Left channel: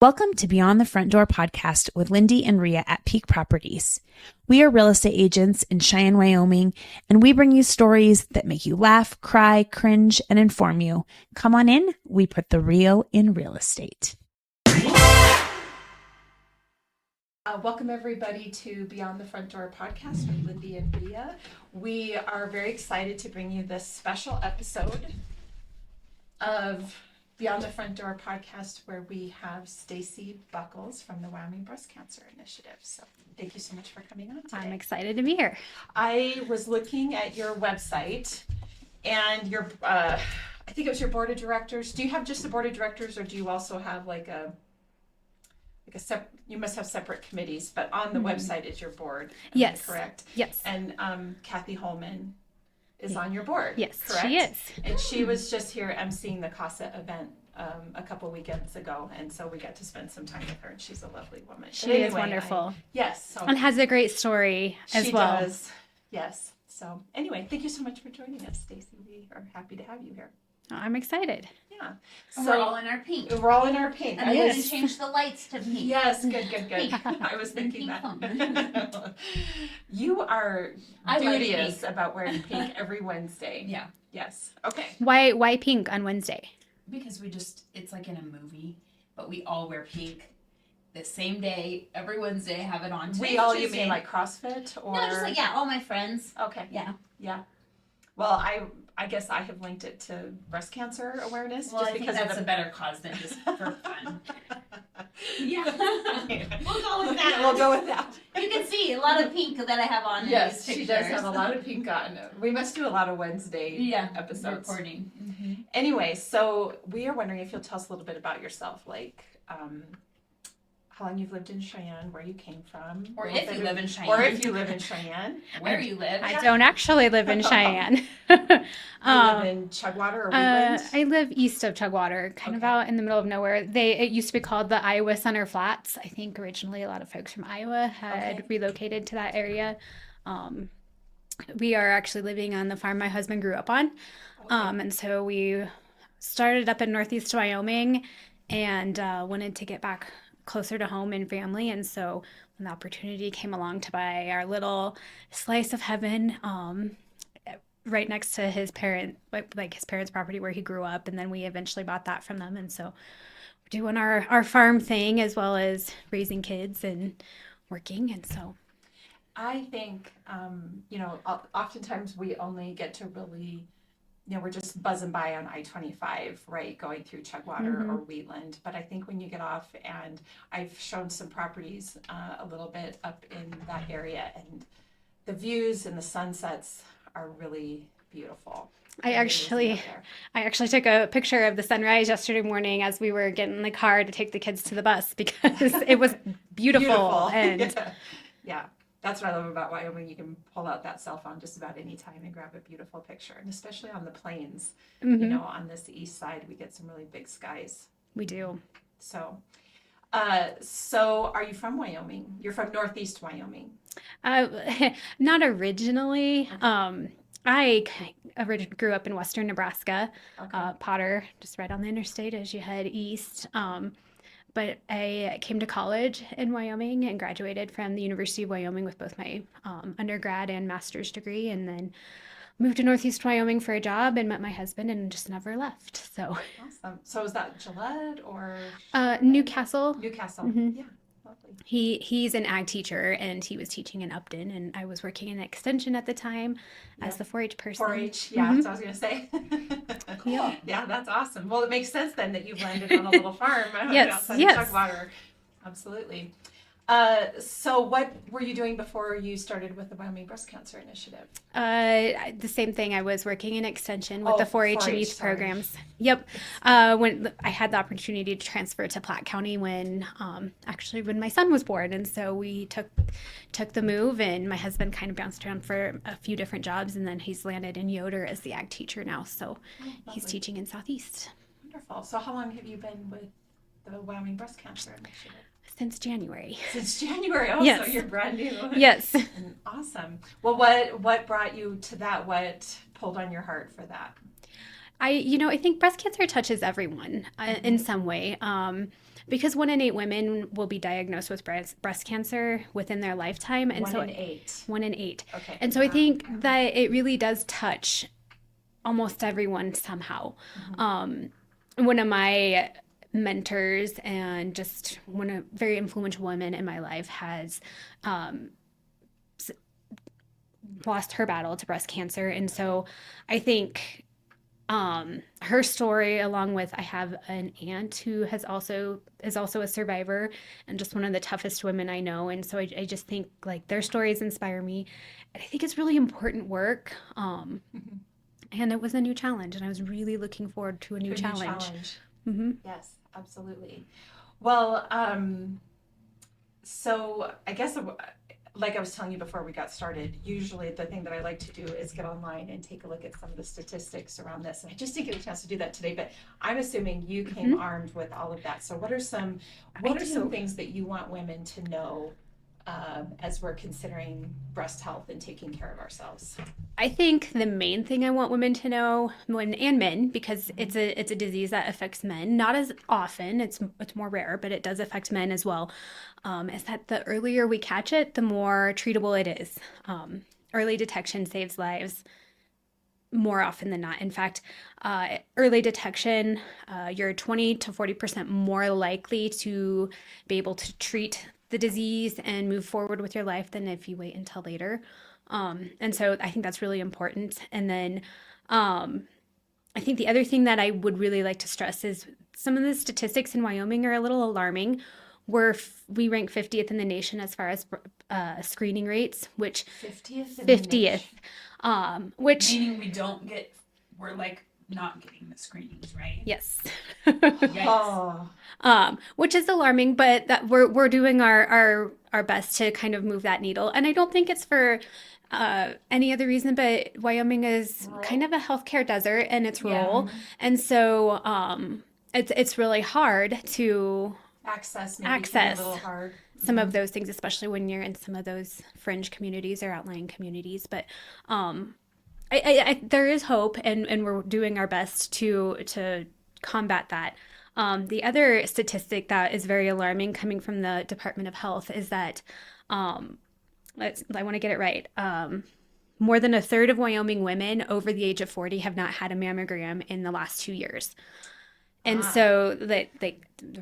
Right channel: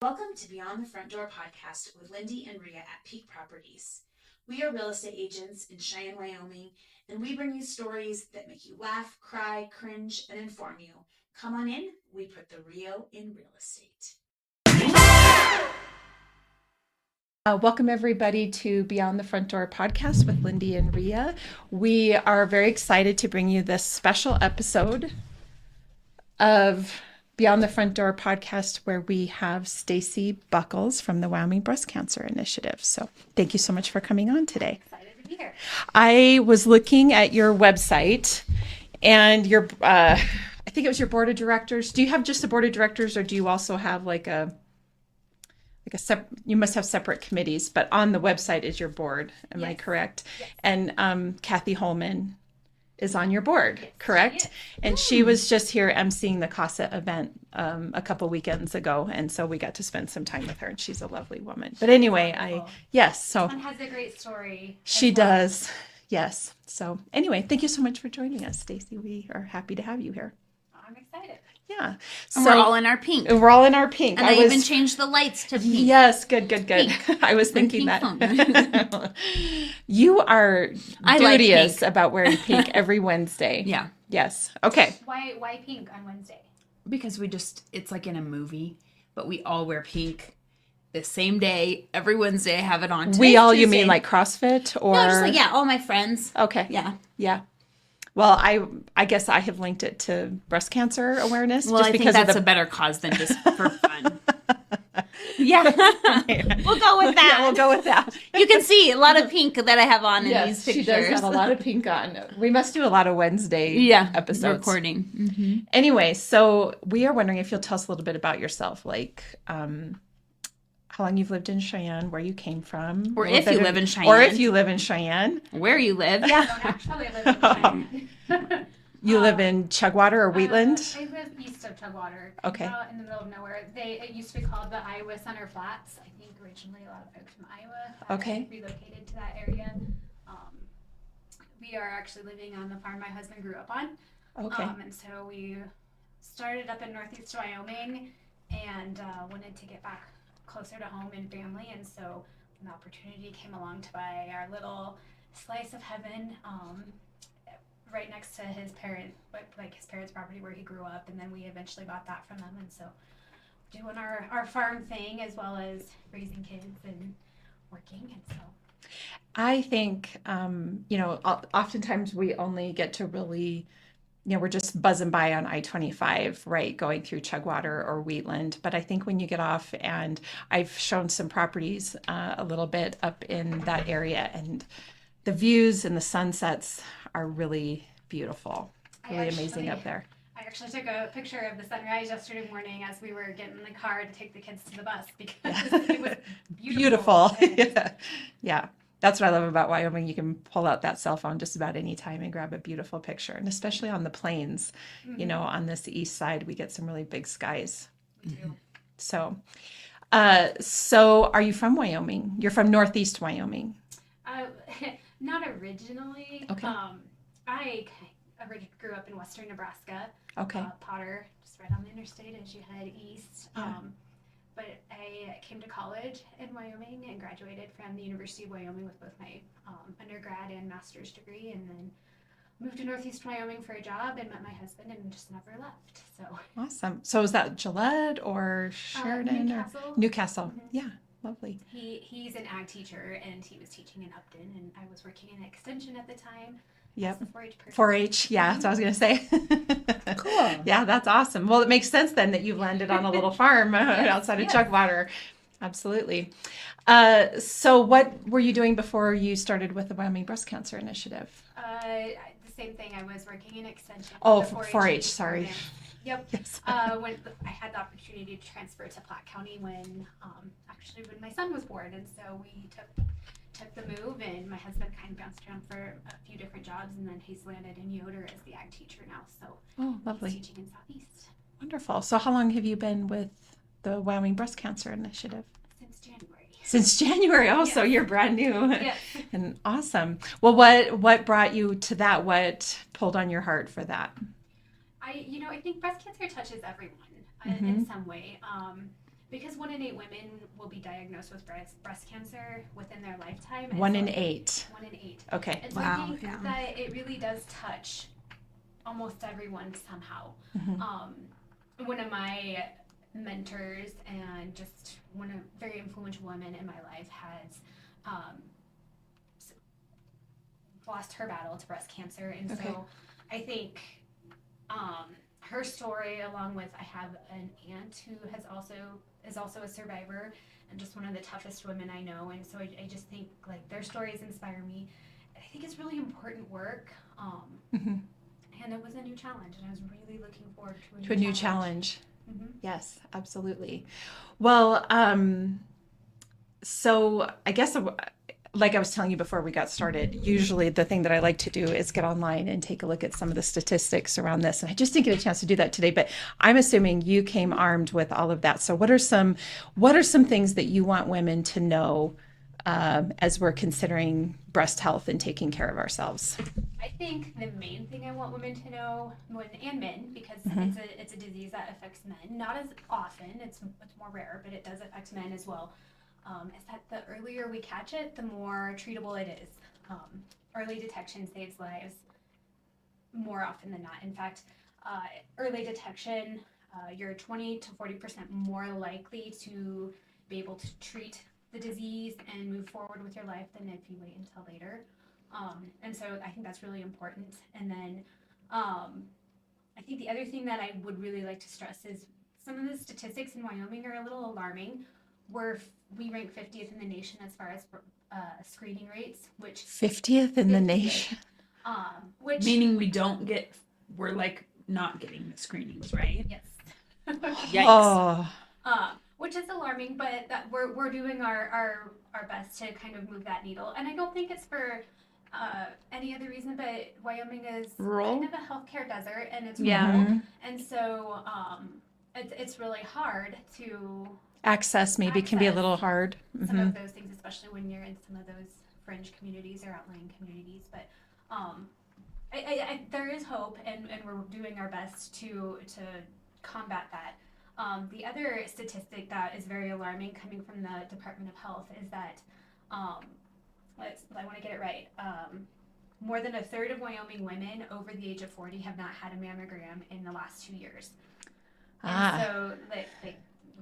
Welcome to Beyond the Front Door podcast with Lindee and Rhea at Peak Properties. We are real estate agents in Cheyenne, Wyoming, and we bring you stories that make you laugh, cry, cringe, and inform you. Come on in. We put the real in real estate. Welcome everybody to Beyond the Front Door podcast with Lindee and Rhea. We are very excited to bring you this special episode of Beyond the Front Door podcast where we have Stacy Buchholz from the Wyoming Breast Cancer Initiative. So thank you so much for coming on today. I'm excited to be here. I was looking at your website and your, I think it was your board of directors. Do you have just the board of directors or do you also have you must have separate committees, but on the website is your board. Am I correct? Yes. And Kathy Holman is on your board. Yes, correct? she is. And she was just here emceeing the CASA event a couple weekends ago, and so we got to spend some time with her. And she's a lovely woman. But anyway, and has a great story. She does. Yes. So anyway, thank you so much for joining us, Stacy. We are happy to have you here. I'm excited. Yeah. So we're all in our pink. We're all in our pink. And I even changed the lights to pink. Yes, good. I was thinking that. You are dubious about wearing pink every Wednesday. Yeah. Yes. Okay. Why pink on Wednesday? Because it's like in a movie, but we all wear pink the same day. Every Wednesday I have it on. We all, you mean like CrossFit or? No, just like, all my friends. Okay. Yeah. Well, I guess I have linked it to breast cancer awareness. Well, just I because think that's a better cause than just for fun. Yeah. We'll go with that. We'll go with that. You can see a lot of pink that I have on in these pictures. She does have a lot of pink on. We must do a lot of Wednesday episodes. Recording. Mm-hmm. Anyway, so we are wondering if you'll tell us a little bit about yourself, like how long you've lived in Cheyenne, where you came from. Or if you live in Cheyenne. Or if you live in Cheyenne. Where you live. I don't actually live in Cheyenne. You live in Chugwater or Wheatland? I live east of Chugwater, kind of out in the middle of nowhere. It used to be called the Iowa Center Flats. I think originally a lot of folks from Iowa had relocated to that area. We are actually living on the farm my husband grew up on. And so we started up in northeast Wyoming and wanted to get back closer to home and family, and so when the opportunity came along to buy our little slice of heaven right next to his parents' property where he grew up, and then we eventually bought that from them, and so we're doing our farm thing as well as raising kids and working, and so I think oftentimes we only get to really we're just buzzing by on I-25, right, going through Chugwater or Wheatland. But I think when you get off, and I've shown some properties a little bit up in that area, and the views and the sunsets are really beautiful. I actually took a picture of the sunrise yesterday morning as we were getting in the car to take the kids to the bus because it was beautiful. And yeah. That's what I love about Wyoming. You can pull out that cell phone just about any time and grab a beautiful picture. And especially on the plains, on this east side, we get some really big skies. We do. So are you from Wyoming? You're from northeast Wyoming. Not originally. Okay. I grew up in western Nebraska, Potter, just right on the interstate as you head east. But I came to college in Wyoming and graduated from the University of Wyoming with both my undergrad and master's degree, and then moved to Northeast Wyoming for a job and met my husband and just never left. So awesome. So is that Gillette or Newcastle? Newcastle. Mm-hmm. Yeah. Lovely. He's an ag teacher, and he was teaching in Upton, and I was working in extension at the time as the 4-H person. 4-H, yeah, that's what I was going to say. Cool. Yeah, that's awesome. Well, it makes sense then that you've landed on a little farm outside of Chugwater. Absolutely. So what were you doing before you started with the Wyoming Breast Cancer Initiative? The same thing. I was working in extension with the 4-H programs. Yep. When I had the opportunity to transfer to Platte County when my son was born, and so we took the move, and my husband kind of bounced around for a few different jobs, and then he's landed in Yoder as the ag teacher now. So he's teaching in Southeast. Wonderful. So how long have you been with the Wyoming Breast Cancer Initiative? Since January. Oh, yes. So you're brand new. Yes. And awesome. Well, what brought you to that? What pulled on your heart for that? I think breast cancer touches everyone in some way. because 1 in 8 women will be diagnosed with breast cancer within their lifetime. And 1 in 8. 1 in 8. Okay. And so I think that it really does touch almost everyone somehow. One of my mentors and just one of very influential women in my life has lost her battle to breast cancer. And so I think her story, along with, I have an aunt who is also a survivor and just one of the toughest women I know. And so I just think like their stories inspire me. And I think it's really important work. And it was a new challenge, and I was really looking forward to a new challenge. Yes, absolutely. Well, so I guess, like I was telling you before we got started, usually the thing that I like to do is get online and take a look at some of the statistics around this. And I just didn't get a chance to do that today, but I'm assuming you came armed with all of that. So what are some things that you want women to know as we're considering breast health and taking care of ourselves? I think the main thing I want women to know, and men, because it's a disease that affects men, not as often, it's more rare, but it does affect men as well, is that the earlier we catch it, the more treatable it is. Early detection saves lives more often than not. In fact, early detection, you're 20 to 40% more likely to be able to treat the disease and move forward with your life than if you wait until later. And so I think that's really important. And then I think the other thing that I would really like to stress is some of the statistics in Wyoming are a little alarming. We rank 50th in the nation as far as screening rates, which 50th in the nation. Which meaning we're like not getting the screenings, right? Yes. Yikes. Which is alarming, but that we're doing our best to kind of move that needle. And I don't think it's for any other reason, but Wyoming is kind of a healthcare desert, and it's rural, and so it's really hard to access can be a little hard. Some of those things, especially when you're in some of those fringe communities or outlying communities. But there is hope, and we're doing our best to combat that. The other statistic that is very alarming coming from the Department of Health is that, I want to get it right, more than a third of Wyoming women over the age of 40 have not had a mammogram in the last 2 years. And so the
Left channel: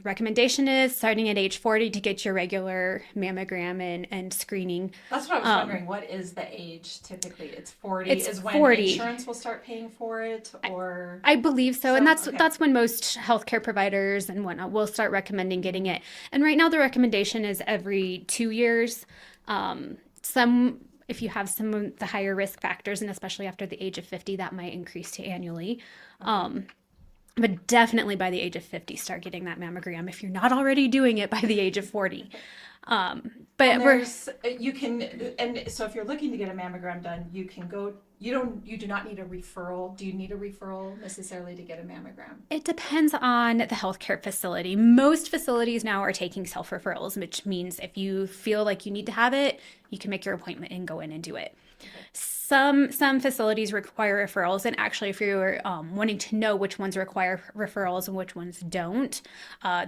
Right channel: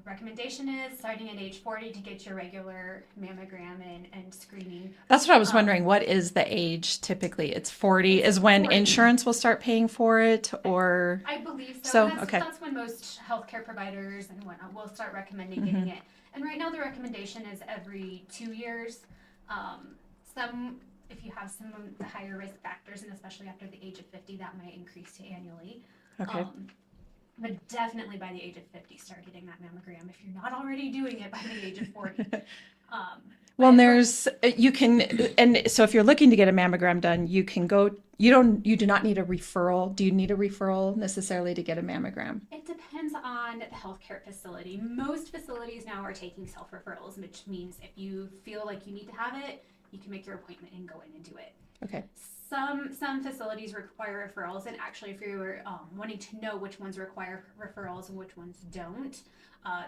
recommendation is starting at age 40 to get your regular mammogram and screening. That's what I was wondering. What is the age typically? It's 40 is when 40. Insurance will start paying for it, or I believe so. And that's when most healthcare providers and whatnot will start recommending getting it. And right now the recommendation is every 2 years. If you have some of the higher risk factors, and especially after the age of 50, that might increase to annually. But definitely by the age of 50, start getting that mammogram if you're not already doing it by the age of 40. But you can, and so if you're looking to get a mammogram done, you can go. You do not need a referral. Do you need a referral necessarily to get a mammogram? It depends on the healthcare facility. Most facilities now are taking self-referrals, which means if you feel like you need to have it, you can make your appointment and go in and do it. Okay. Some facilities require referrals, and actually if you're wanting to know which ones require referrals and which ones don't,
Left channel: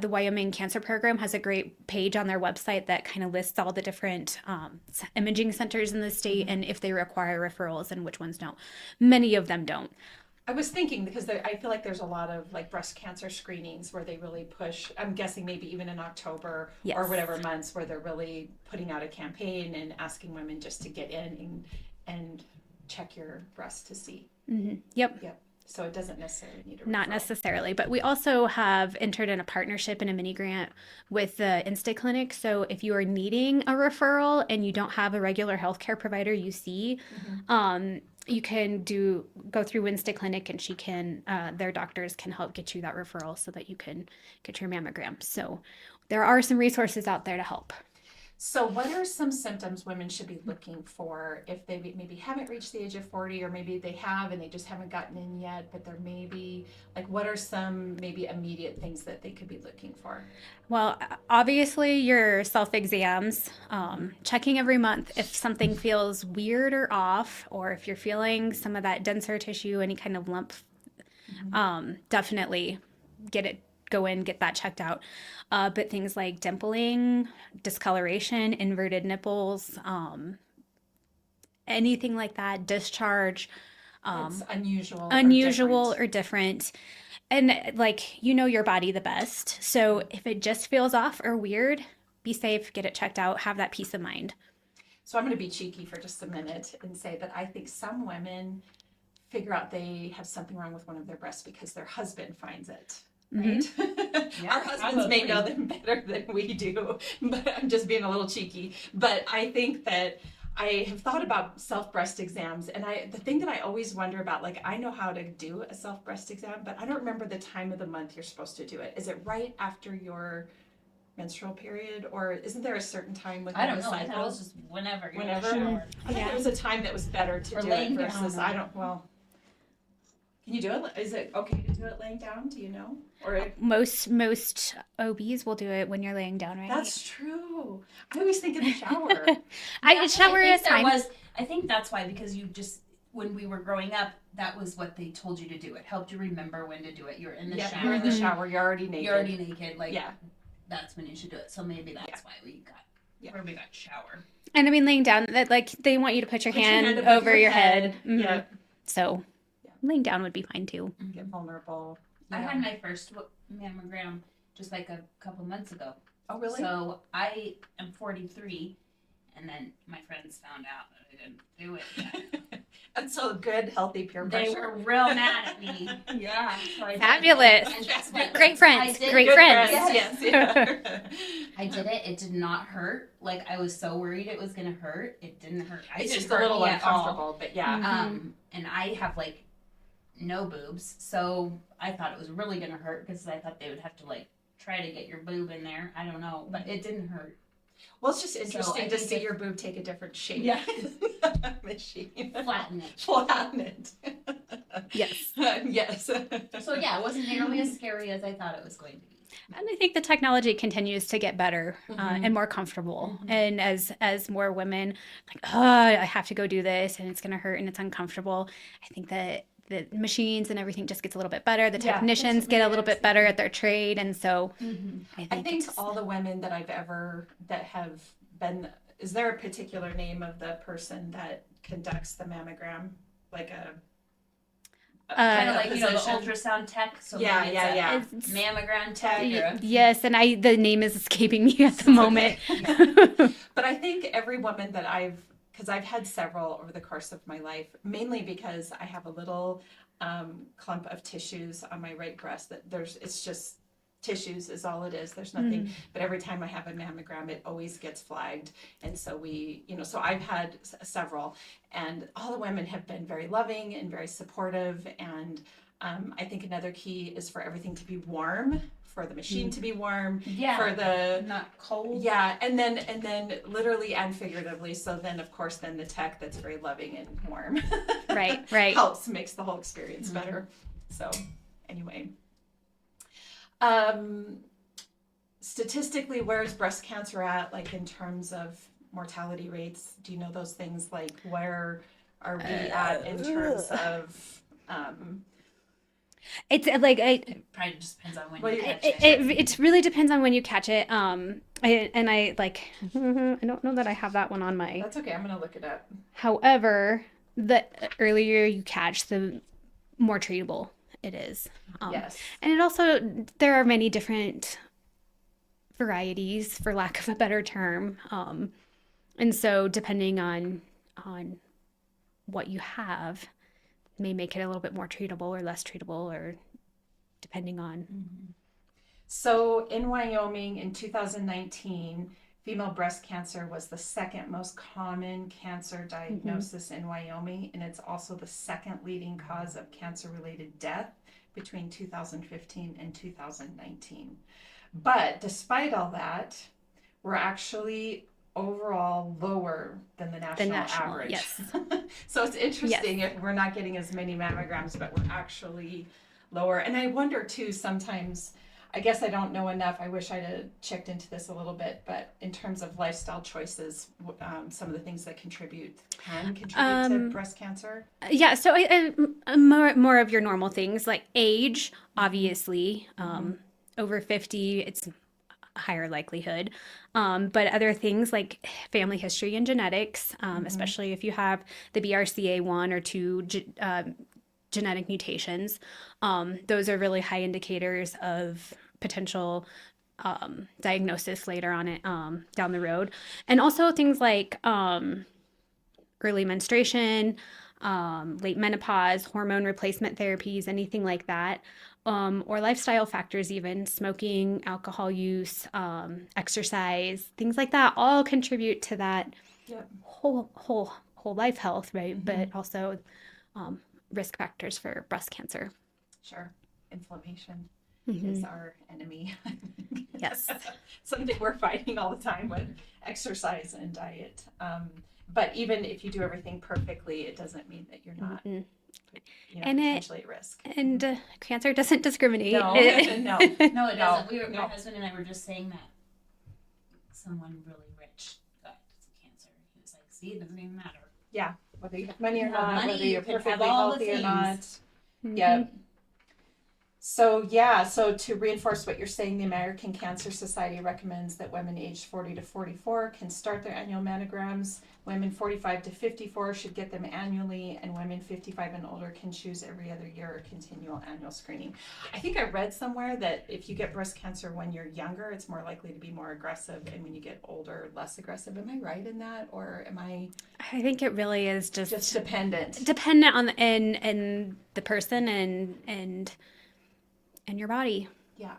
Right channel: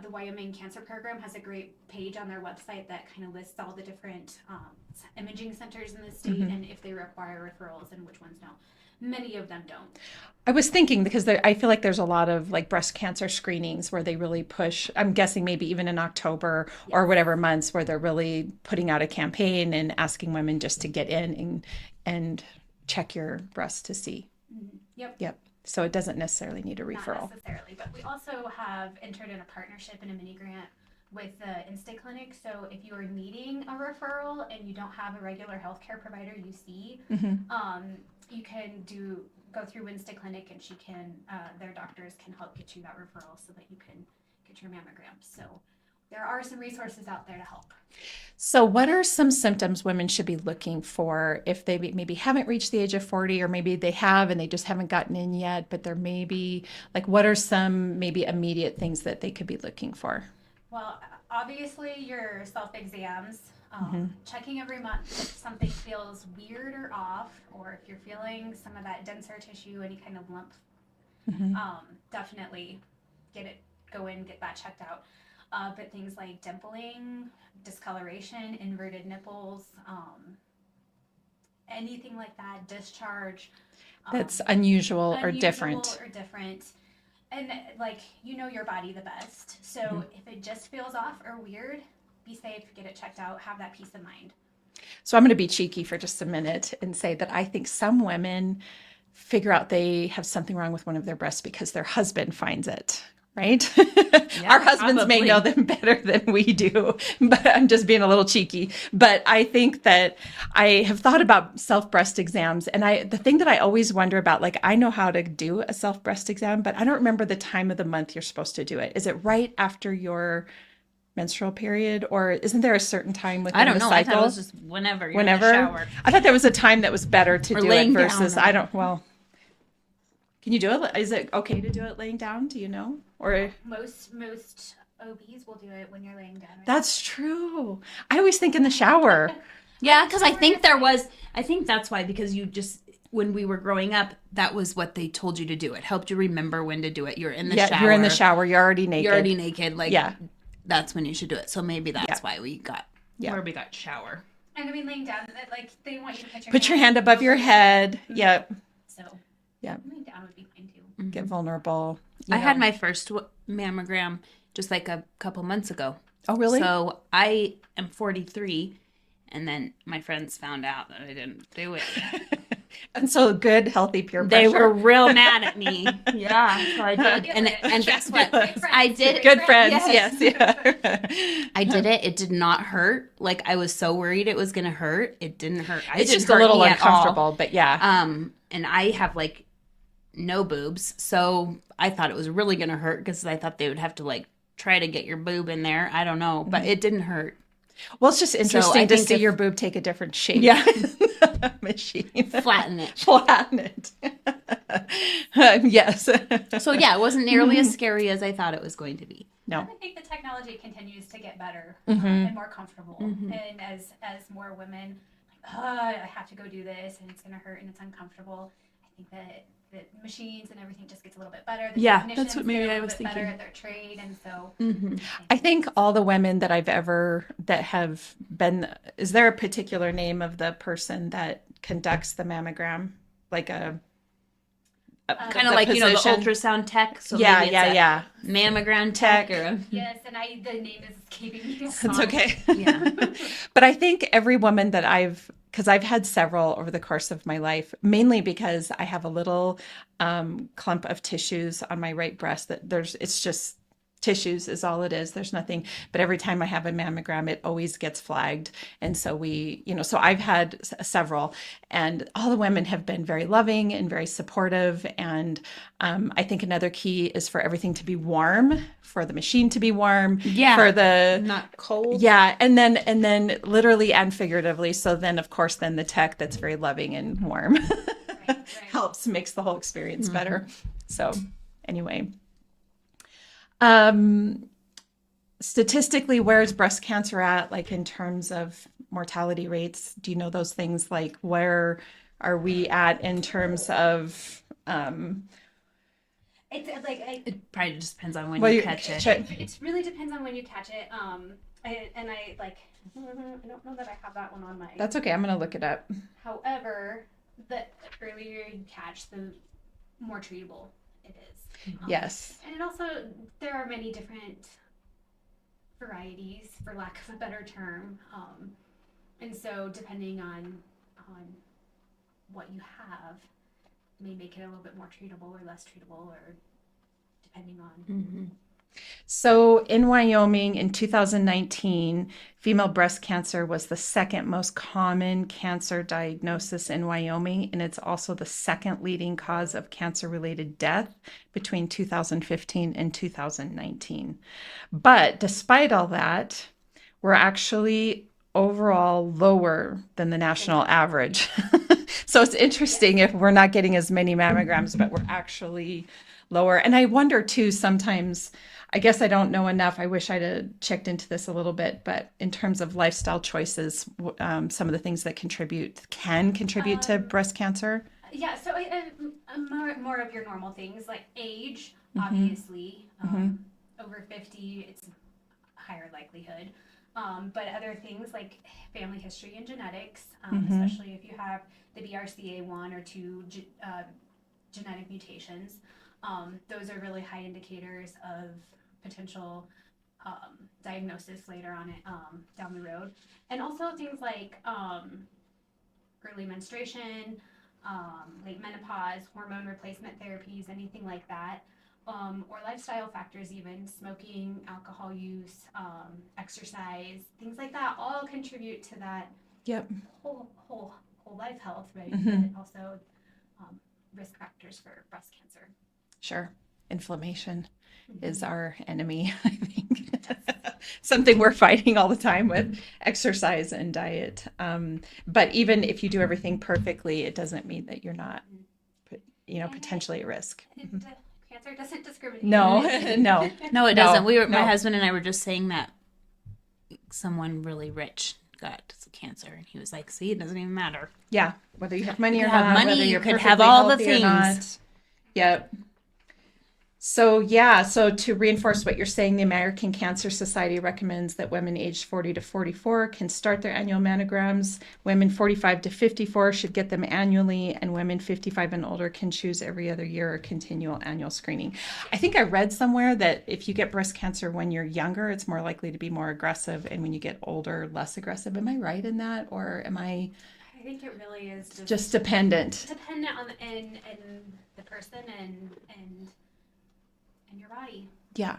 the Wyoming Cancer Program has a great page on their website that kind of lists all the different imaging centers in the state and if they require referrals and which ones don't. Many of them don't. I was thinking because I feel like there's a lot of like breast cancer screenings where they really push, I'm guessing maybe even in October or whatever months, where they're really putting out a campaign and asking women just to get in and check your breast to see. Yep. So it doesn't necessarily need a referral. Not necessarily, but we also have entered in a partnership and a mini grant with the Insta Clinic. So if you are needing a referral and you don't have a regular healthcare provider you see, you can go through Insta Clinic, and she can, their doctors can help get you that referral so that you can get your mammogram. So there are some resources out there to help. So what are some symptoms women should be looking for if they maybe haven't reached the age of 40, or maybe they have and they just haven't gotten in yet, but they're maybe like, what are some maybe immediate things that they could be looking for? Well, obviously your self-exams, checking every month if something feels weird or off, or if you're feeling some of that denser tissue, any kind of lump, definitely get that checked out. But things like dimpling, discoloration, inverted nipples, anything like that, discharge, That's unusual unusual or different. And like, you know your body the best. So if it just feels off or weird, be safe, get it checked out, have that peace of mind. So I'm going to be cheeky for just a minute and say that I think some women figure out they have something wrong with one of their breasts because their husband finds it. Right? Yeah, our husbands may know them better than we do, but I'm just being a little cheeky. But I think that I have thought about self-breast exams, and the thing that I always wonder about, like, I know how to do a self-breast exam, but I don't remember the time of the month you're supposed to do it. Is it right after your menstrual period, or isn't there a certain time within I don't the know. cycle? I thought it was just whenever you're Whenever? in the shower. I thought there was a time that was better to Or do it laying versus down. I don't. Well, can you do it? Is it okay to do it laying down? Do you know? Or Most OBs will do it when you're laying down, right? that's true. I always think in the shower. Yeah, because I think I think that's why, because you just, when we were growing up, that was what they told you to do. It helped you remember when to do it. You're in the shower. You're in the shower. You're already naked. You're already naked. Like, Yeah. that's when you should do it. So maybe that's why we got where we got shower. And I mean, laying down, that like they want you to put your Put your hand above your head. Mhm. Yeah. So Yeah. laying down would be fine too. Get vulnerable. I had my first mammogram just like a couple months ago. Oh, really? So I am 43, and then my friends found out that I didn't do it. And so good, healthy peer pressure. They were real mad at me. Yeah. So I did. Fabulous. And guess what? Great friends. I did. Great good friends. friends. Yes. Yeah. I did it. It did not hurt. Like, I was so worried it was going to hurt. It didn't hurt. It's just a little uncomfortable, but yeah. And I have like no boobs. So I thought it was really going to hurt because I thought they would have to like try to get your boob in there. I don't know, but it didn't hurt. Well, it's just interesting to think see if- your boob take a different shape. Yeah. Machine. Flatten it. Flatten it. Yes. So yeah, it wasn't nearly as scary as I thought it was going to be. No. And I think the technology continues to get better and more comfortable. And as more women like, oh, I have to go do this and it's going to hurt and it's uncomfortable. I think that the machines and everything just gets a little bit better. The Yeah, technicians that's what get maybe a I little was bit better at their trade. And so I think all the women that I've ever that have been, is there a particular name of the person that conducts the mammogram? Like a Kind of like, you know, the position? ultrasound tech. So Yeah, maybe yeah, it's a mammogram tech. Or yes, and the name is escaping me at the moment. okay. Yeah. But I think every woman that because I've had several over the course of my life, mainly because I have a little clump of tissues on my right breast it's just tissues is all it is. There's nothing, but every time I have a mammogram, it always gets flagged. And so so I've had several, and all the women have been very loving and very supportive. And I think another key is for everything to be warm, for the machine to be warm, for the Not cold. yeah, and then literally and figuratively. So then, of course, then the tech that's very loving and warm, Right. makes the whole experience better. So anyway, statistically, where is breast cancer at, like in terms of mortality rates? Do you know those things? Like, where are we at in terms of It's like It probably just depends on when Well, you you- catch it. it really depends on when you catch it. I like I don't know that I have that one on my. That's okay. I'm gonna look it up. However, the earlier you catch, the more treatable it is. Yes. And it also, there are many different varieties, for lack of a better term. And so depending on what you have may make it a little bit more treatable or less treatable, or depending on. So in Wyoming in 2019, female breast cancer was the second most common cancer diagnosis in Wyoming, and it's also the second leading cause of cancer-related death between 2015 and 2019. But despite all that, we're actually overall lower than the national average. So it's interesting if we're not getting as many mammograms, but we're actually lower. And I wonder too, sometimes, I guess I don't know enough. I wish I'd have checked into this a little bit, but in terms of lifestyle choices, some of the things that can contribute to breast cancer. Yeah, so I more of your normal things like age, obviously. Over 50, it's higher likelihood. But other things like family history and genetics, especially if you have the BRCA1 or 2 genetic mutations, those are really high indicators of potential diagnosis later on down the road. And also things like early menstruation, late menopause, hormone replacement therapies, anything like that, or lifestyle factors, even smoking, alcohol use, exercise, things like that, all contribute to that whole life health, right? But also risk factors for breast cancer. Sure. Inflammation is our enemy, I think. Yes. Something we're fighting all the time with exercise and diet. But even if you do everything perfectly, it doesn't mean that you're not, potentially at risk. And cancer doesn't discriminate. No, No, it doesn't. My husband and I were just saying that someone really rich got cancer, and he was like, "See, it doesn't even matter. Yeah, whether you have money or have not, money, whether you're you could perfectly have all the healthy or not." things. Yep. So to reinforce what you're saying, the American Cancer Society recommends that women aged 40 to 44 can start their annual mammograms. Women 45 to 54 should get them annually, and women 55 and older can choose every other year or continual annual screening. I think I read somewhere that if you get breast cancer when you're younger, it's more likely to be more aggressive, and when you get older, less aggressive. Am I right in that, or am I think it really is just dependent on the person and your body. Yeah.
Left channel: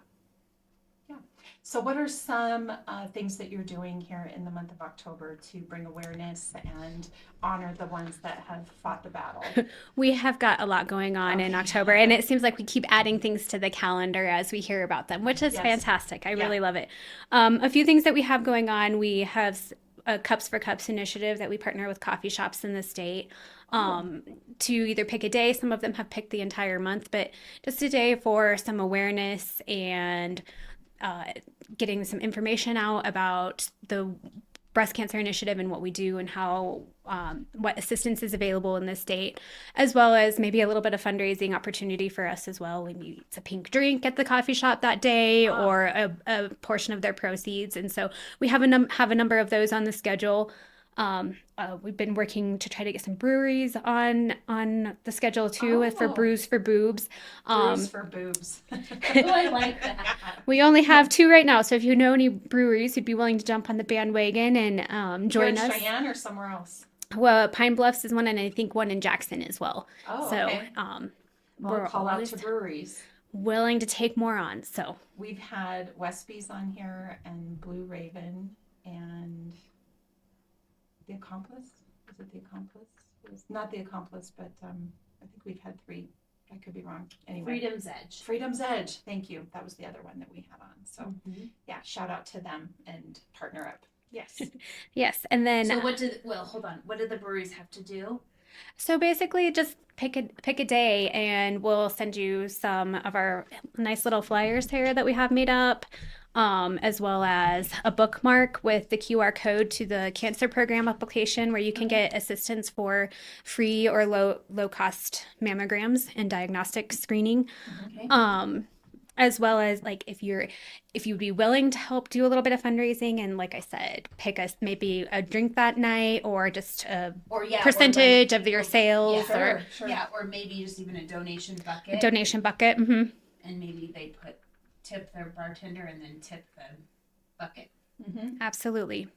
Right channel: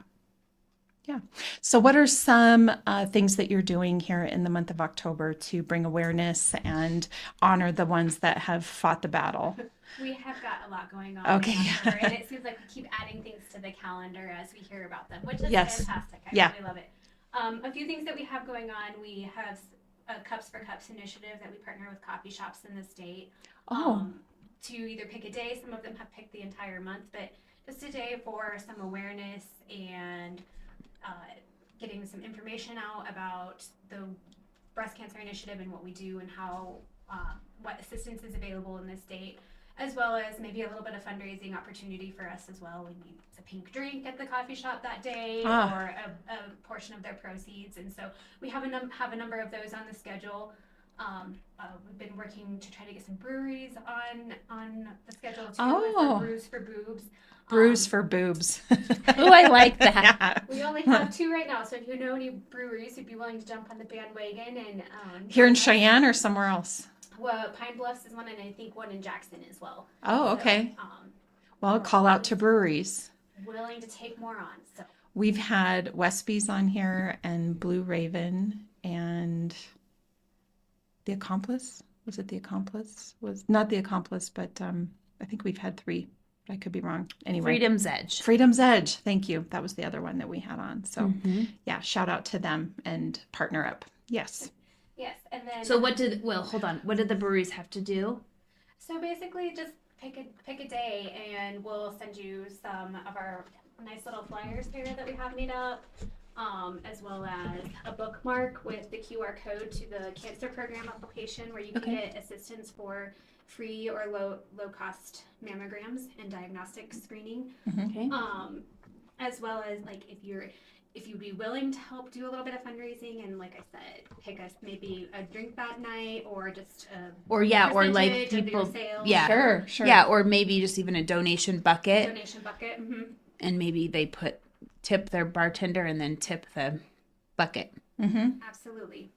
So what are some things that you're doing here in the month of October to bring awareness and honor the ones that have fought the battle? We have got a lot going on in October, and it seems like we keep adding things to the calendar as we hear about them, which is fantastic. I really love it. A few things that we have going on. We have a Cups for Cups initiative that we partner with coffee shops in the state. To either pick a day. Some of them have picked the entire month, but just a day for some awareness and getting some information out about the breast cancer initiative and what we do and how what assistance is available in the state, as well as maybe a little bit of fundraising opportunity for us as well. Maybe it's a pink drink at the coffee shop that day or a portion of their proceeds. And so we have a number of those on the schedule. We've been working to try to get some breweries on the schedule too, for Brews for Boobs. Brews for Boobs. Oh, I like that. Yeah. We only have 2 right now, so if you know any breweries who'd be willing to jump on the bandwagon and join Here in us. Cheyenne or somewhere else? Well, Pine Bluffs is one, and I think one in Jackson as well. Oh, okay. Well, call out to breweries. Willing to take more on. So we've had Westby's on here and Blue Raven and The Accomplice. Was it The Accomplice? Was not The Accomplice, but I think we've had 3. I could be wrong. Anyway. Freedom's Edge. Freedom's Edge. Thank you. That was the other one that we had on. So shout out to them and partner up. Yes. Yes. And then hold on. What did the breweries have to do? So basically just pick a day, and we'll send you some of our nice little flyers here that we have made up, as well as a bookmark with the QR code to the cancer program application where you can get assistance for free or low cost mammograms and diagnostic screening. As well as like if you'd be willing to help do a little bit of fundraising, and like I said, pick us maybe a drink that night or just a percentage of your sales. Yeah, sure. Yeah, or maybe just even a donation bucket. Mm-hmm. And maybe they tip their bartender and then tip the bucket. Absolutely.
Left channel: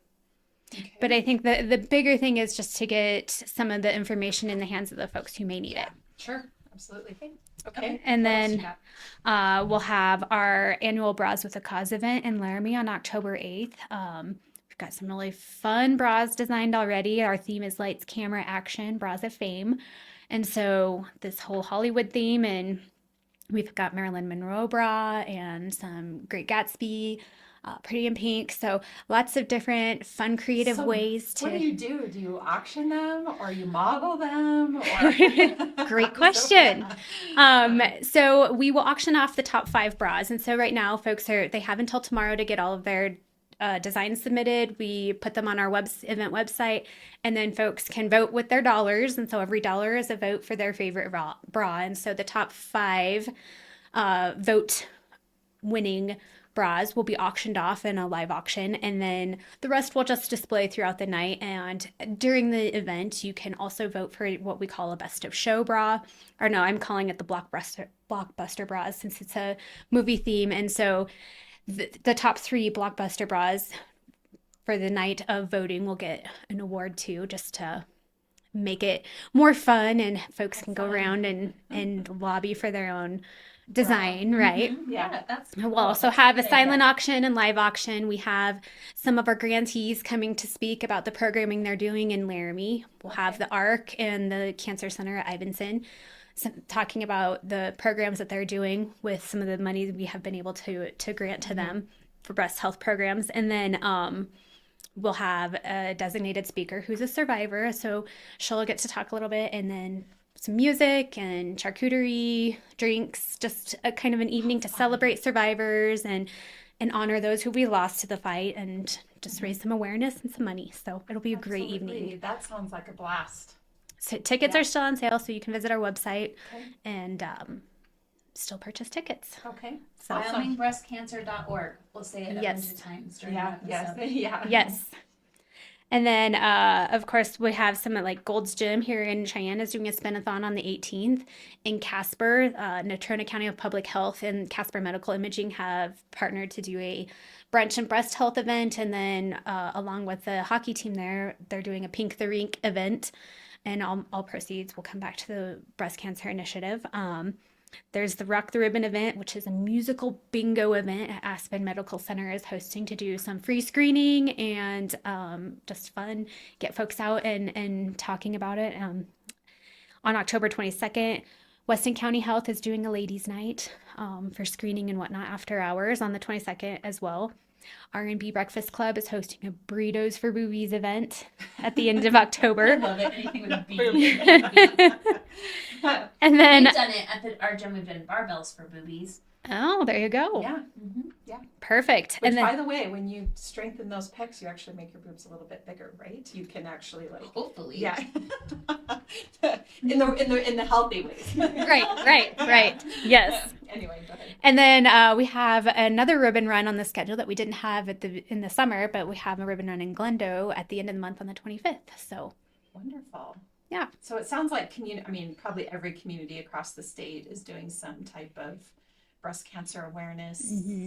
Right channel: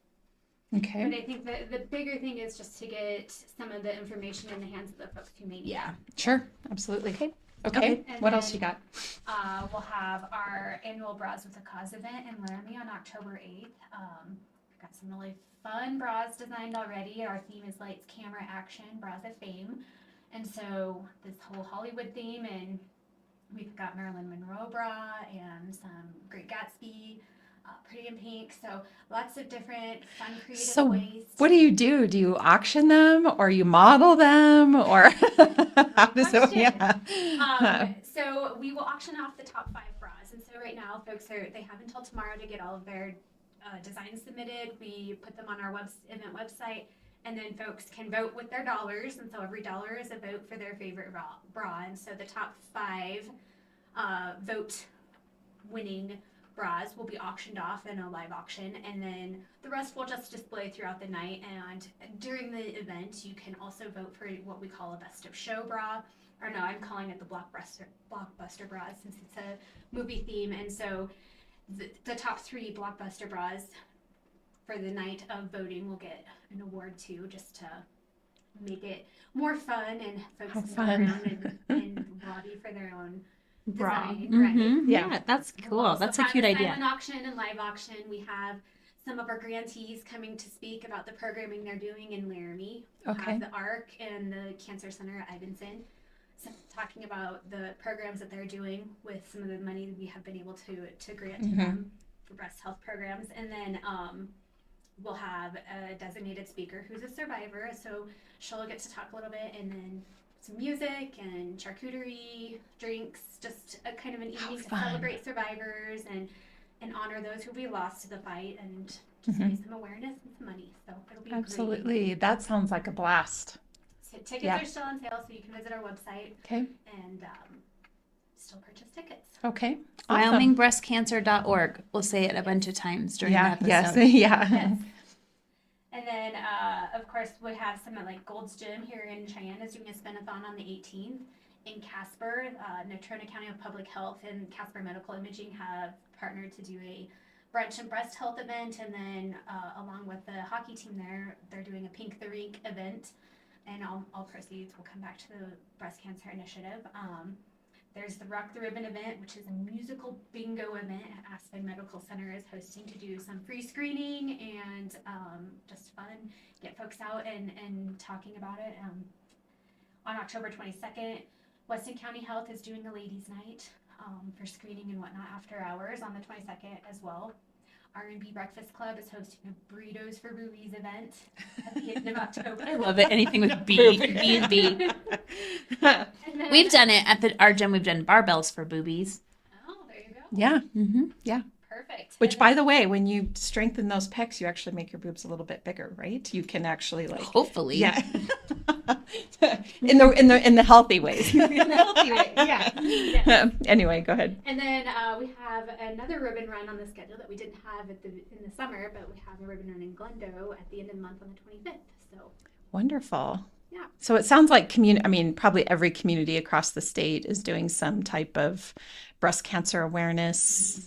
Okay. But I think the bigger thing is just to get some of the information in the hands of the folks who may need it. Sure. Absolutely. Okay. And what then else you got? We'll have our annual Bras with a Cause event in Laramie on October 8th. We've got some really fun bras designed already. Our theme is Lights, Camera, Action, Bras of Fame. And so this whole Hollywood theme, and we've got Marilyn Monroe bra and some Great Gatsby, Pretty in Pink. So lots of different fun, creative ways. What do you do? Do you auction them or you model them? Or Great question. So we will auction off the top 5 bras. And so right now folks they have until tomorrow to get all of their designs submitted. We put them on our event website, and then folks can vote with their dollars. And so every dollar is a vote for their favorite bra. And so the top 5 vote winning bras will be auctioned off in a live auction, and then the rest will just display throughout the night. And during the event, you can also vote for what we call a best of show bra, or no, I'm calling it the blockbuster bras since it's a movie theme. And so the top 3 blockbuster bras for the night of voting will get an award too, just to make it more fun, and folks can go around and lobby for their own design, right? Yeah, that's cool. We'll also have a silent auction and live auction. We have some of our grantees coming to speak about the programming they're doing in Laramie. We'll have the ARC and the Cancer Center at Ivinson talking about the programs that they're doing with some of the money that we have been able to grant to them for breast health programs. And then we'll have a designated speaker who's a survivor, so she'll get to talk a little bit, and then some music and charcuterie, drinks, just a kind of an evening to celebrate survivors and honor those who we lost to the fight, and just raise some awareness and some money. So it'll be a great evening. That sounds like a blast. So tickets are still on sale, so you can visit our website and still purchase tickets. Okay. Awesome. WyomingBreastCancer.org. We'll say it a bunch of times during the episode. Yes. And then, of course, we have some like Gold's Gym here in Cheyenne is doing a spin-a-thon on the 18th. In Casper, Natrona County of Public Health and Casper Medical Imaging have partnered to do a brunch and breast health event. And then along with the hockey team there, they're doing a Pink the Rink event. And all proceeds will come back to the breast cancer initiative. There's the Rock the Ribbon event, which is a musical bingo event at Aspen Medical Center is hosting to do some free screening and just fun, get folks out and talking about it. On October 22nd, Weston County Health is doing a ladies' night for screening and whatnot after hours on the 22nd as well. R&B Breakfast Club is hosting a Burritos for Boobies event at the end of October. I love it. Anything with B. And then we've done it at our gym. We've done barbells for boobies. Oh, there you go. Yeah. Yeah. Perfect. Which, by the way, when you strengthen those pecs, you actually make your boobs a little bit bigger, right? You can actually hopefully. Yeah. in the healthy ways. Right. Yes. Anyway, go ahead. And then we have another ribbon run on the schedule that we didn't have in the summer, but we have a ribbon run in Glendo at the end of the month on the 25th. So wonderful. Yeah. So it sounds like probably every community across the state is doing some type of breast cancer awareness.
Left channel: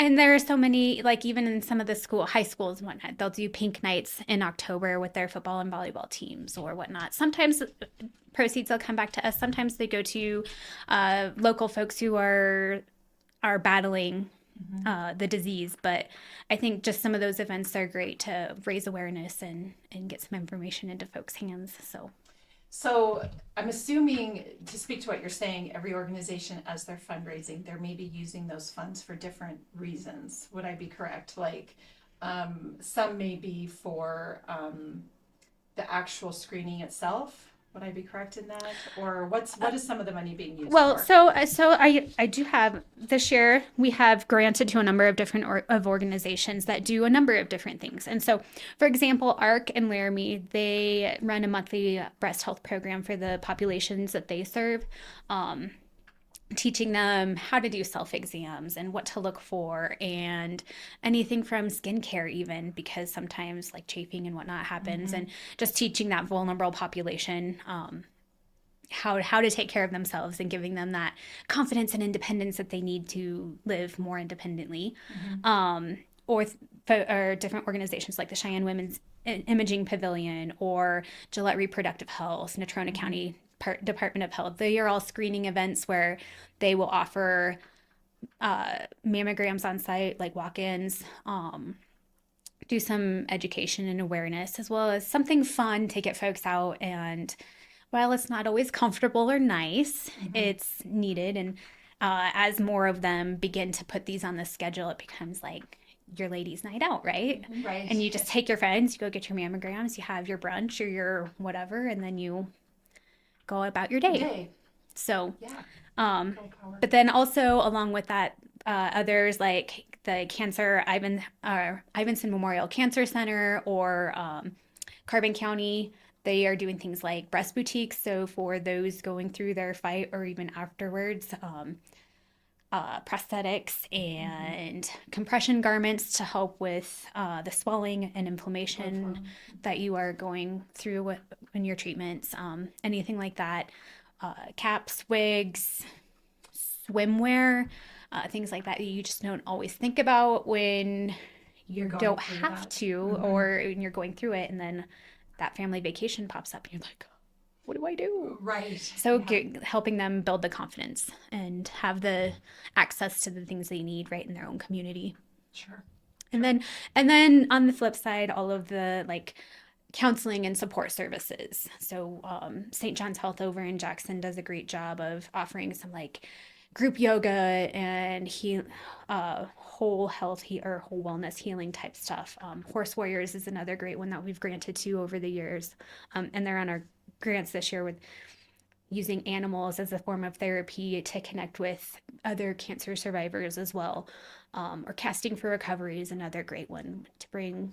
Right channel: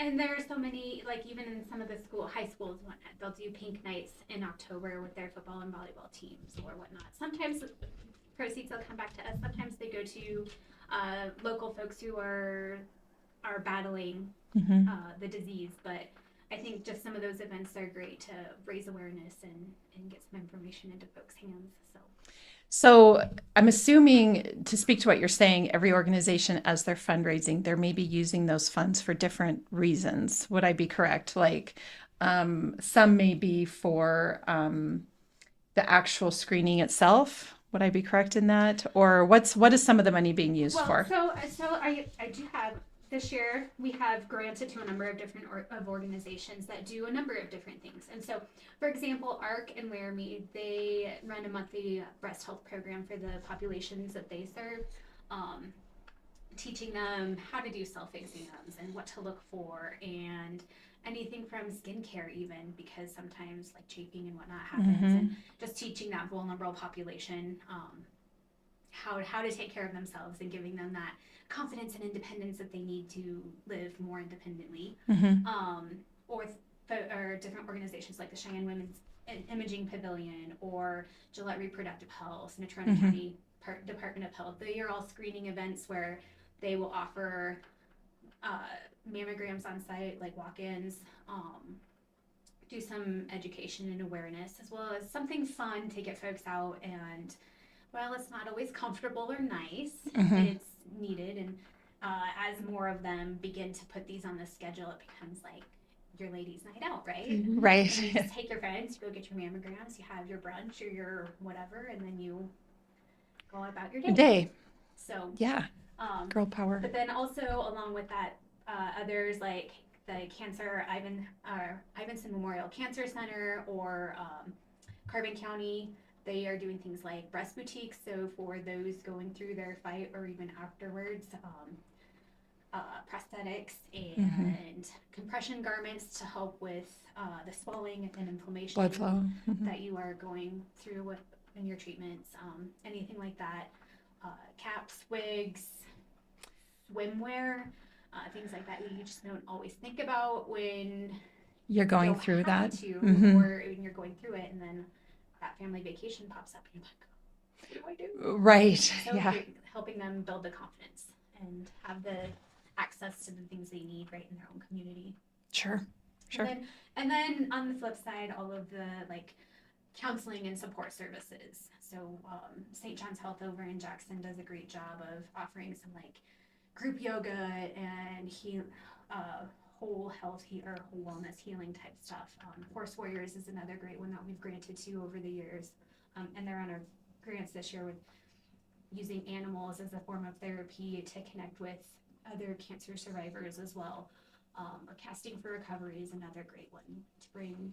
And there are so many, like even in some of the high schools and whatnot, they'll do pink nights in October with their football and volleyball teams or whatnot. Sometimes proceeds will come back to us. Sometimes they go to local folks who are battling the disease. But I think just some of those events are great to raise awareness and get some information into folks' hands. So I'm assuming, to speak to what you're saying, every organization, as they're fundraising, they're maybe using those funds for different reasons. Would I be correct? Like some may be for the actual screening itself. Would I be correct in that? Or what is some of the money being used for? So I do have, this year we have granted to a number of different organizations that do a number of different things. And so, for example, ARC and Laramie, they run a monthly breast health program for the populations that they serve, teaching them how to do self-exams and what to look for and anything from skincare even, because sometimes like chafing and whatnot happens, and just teaching that vulnerable population how to take care of themselves and giving them that confidence and independence that they need to live more independently. Or different organizations like the Cheyenne Women's Imaging Pavilion or Gillette Reproductive Health, Natrona County Department of Health. They are all screening events where they will offer mammograms on site, like walk-ins, do some education and awareness, as well as something fun to get folks out. And while it's not always comfortable or nice, it's needed. And as more of them begin to put these on the schedule, it becomes like your ladies' night out, right? Right. And you just take your friends, you go get your mammograms, you have your brunch or your whatever, and then you go about your day. So yeah, girl power. But then also along with that, others like the Ivinson Memorial Cancer Center or Carbon County, they are doing things like breast boutiques. So for those going through their fight or even afterwards, prosthetics and compression garments to help with the swelling and inflammation that you are going through in your treatments, anything like that. Caps, wigs, swimwear, things like that you just don't always think about when you're going don't through have that to, or when you're going through it, and then that family vacation pops up, and you're like, what do I do? Right. So helping them build the confidence and have the access to the things they need right in their own community. Sure. And then on the flip side, all of the like counseling and support services. So St. John's Health over in Jackson does a great job of offering some like group yoga and whole health or whole wellness healing type stuff. Horse Warriors is another great one that we've granted to over the years, and they're on our grants this year with using animals as a form of therapy to connect with other cancer survivors as well. Or Casting for Recovery is another great one to bring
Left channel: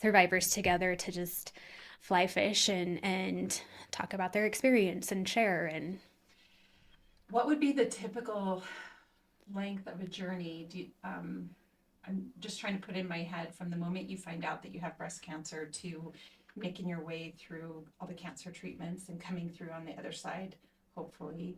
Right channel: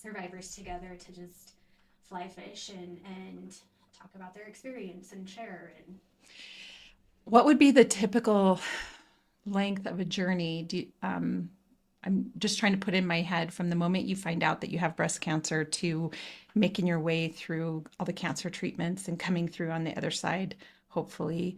survivors together to just fly fish and talk about their experience and share. And what would be the typical length of a journey? I'm just trying to put in my head from the moment you find out that you have breast cancer to making your way through all the cancer treatments and coming through on the other side, hopefully.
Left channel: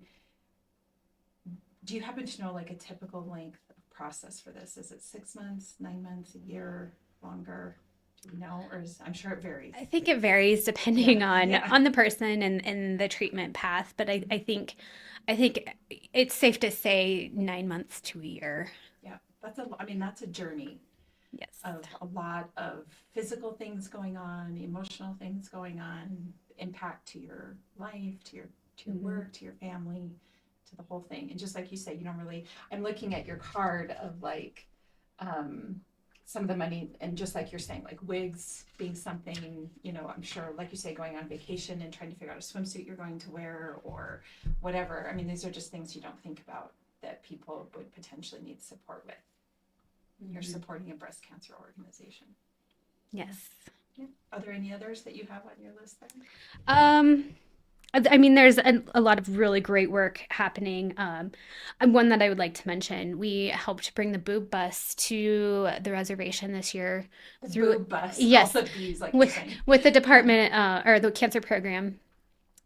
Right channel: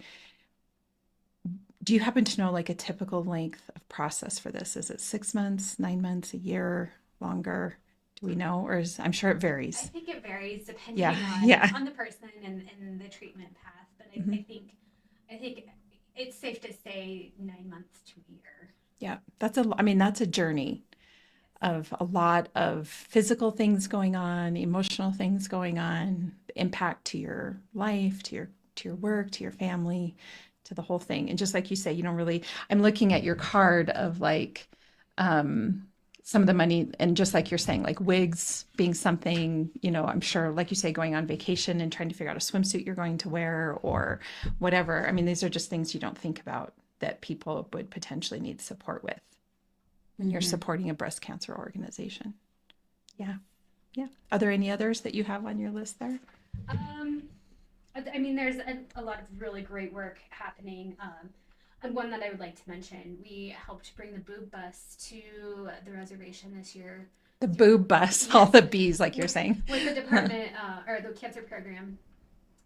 Do you happen to know like a typical length of process for this? Is it 6 months, 9 months, a year, longer? Do we know? Or I'm sure it varies. I think it varies depending on the person and the treatment path. But I think it's safe to say 9 months to a year. Yeah, that's a journey. Yes. Of a lot of physical things going on, emotional things going on, the impact to your life, to your work, to your family, to the whole thing. And just like you say, you don't really, I'm looking at your card of like some of the money, and just like you're saying, like wigs being something, I'm sure, like you say, going on vacation and trying to figure out a swimsuit you're going to wear or whatever. I mean, these are just things you don't think about that people would potentially need support with when you're supporting a breast cancer organization. Yes. Yeah. Are there any others that you have on your list there? I mean, there's a lot of really great work happening. And one that I would like to mention, we helped bring the boob bus to the reservation this year. The boob bus, yes, all the bees, like you're saying. With the department or the cancer program.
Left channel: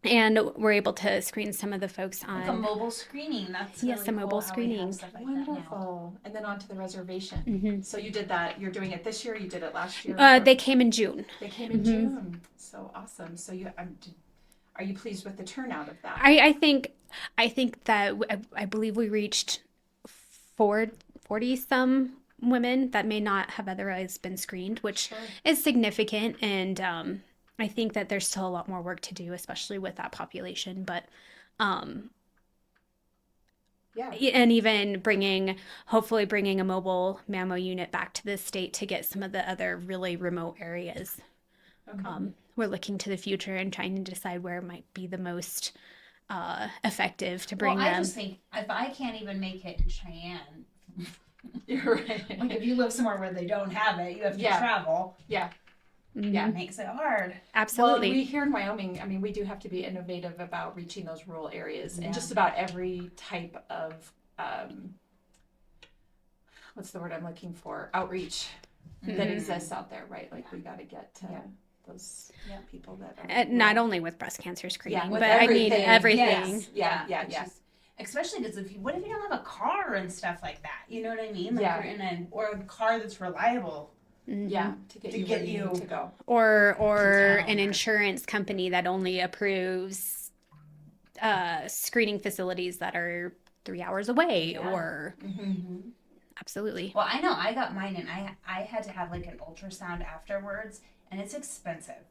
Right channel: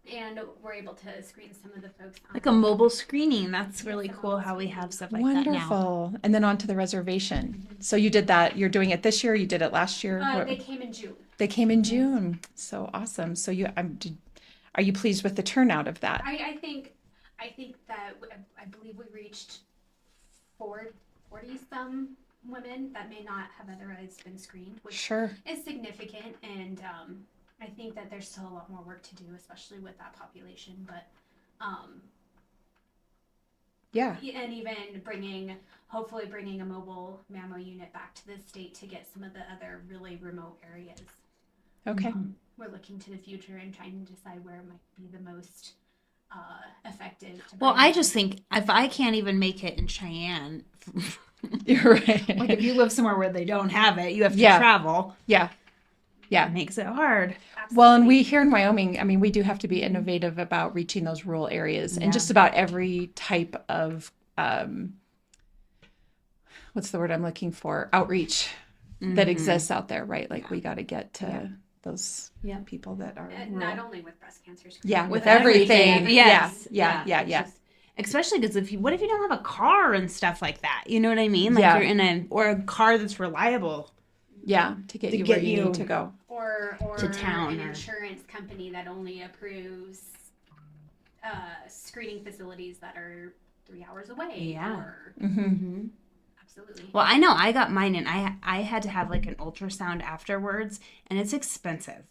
And we're able to screen some of the folks on. Like a mobile screening. That's really cool how we have stuff like Wonderful. that now. Wonderful. And then on to the reservation. So you did that. You're doing it this year? You did it last year? They came in June. They came in June. So awesome. So are you pleased with the turnout of that? I think that I believe we reached 40 some women that may not have otherwise been screened, which is significant. And I think that there's still a lot more work to do, especially with that population. But and even hopefully bringing a mobile mammo unit back to the state to get some of the other really remote areas. Okay. We're looking to the future and trying to decide where it might be the most effective to bring. Well, I just think if I can't even make it in Cheyenne, you're right. Like if you live somewhere where they don't have it, you have to travel. Yeah. Yeah, it makes it hard. Absolutely. Well, and we here in Wyoming, I mean, we do have to be innovative about reaching those rural areas and just about every type of, what's the word I'm looking for? Outreach that exists out there, right? Like we got to get to those people that are not only with breast cancer screening, with but everything. everything. Yes. Yeah. Especially because what if you don't have a car and stuff like that? You know what I mean? Like you're in or a car that's reliable. Yeah, to get you where you need to go. Or an insurance company that only approves screening facilities that are 3 hours away or absolutely. Well, I know I got mine and I had to have like an ultrasound afterwards, and it's expensive.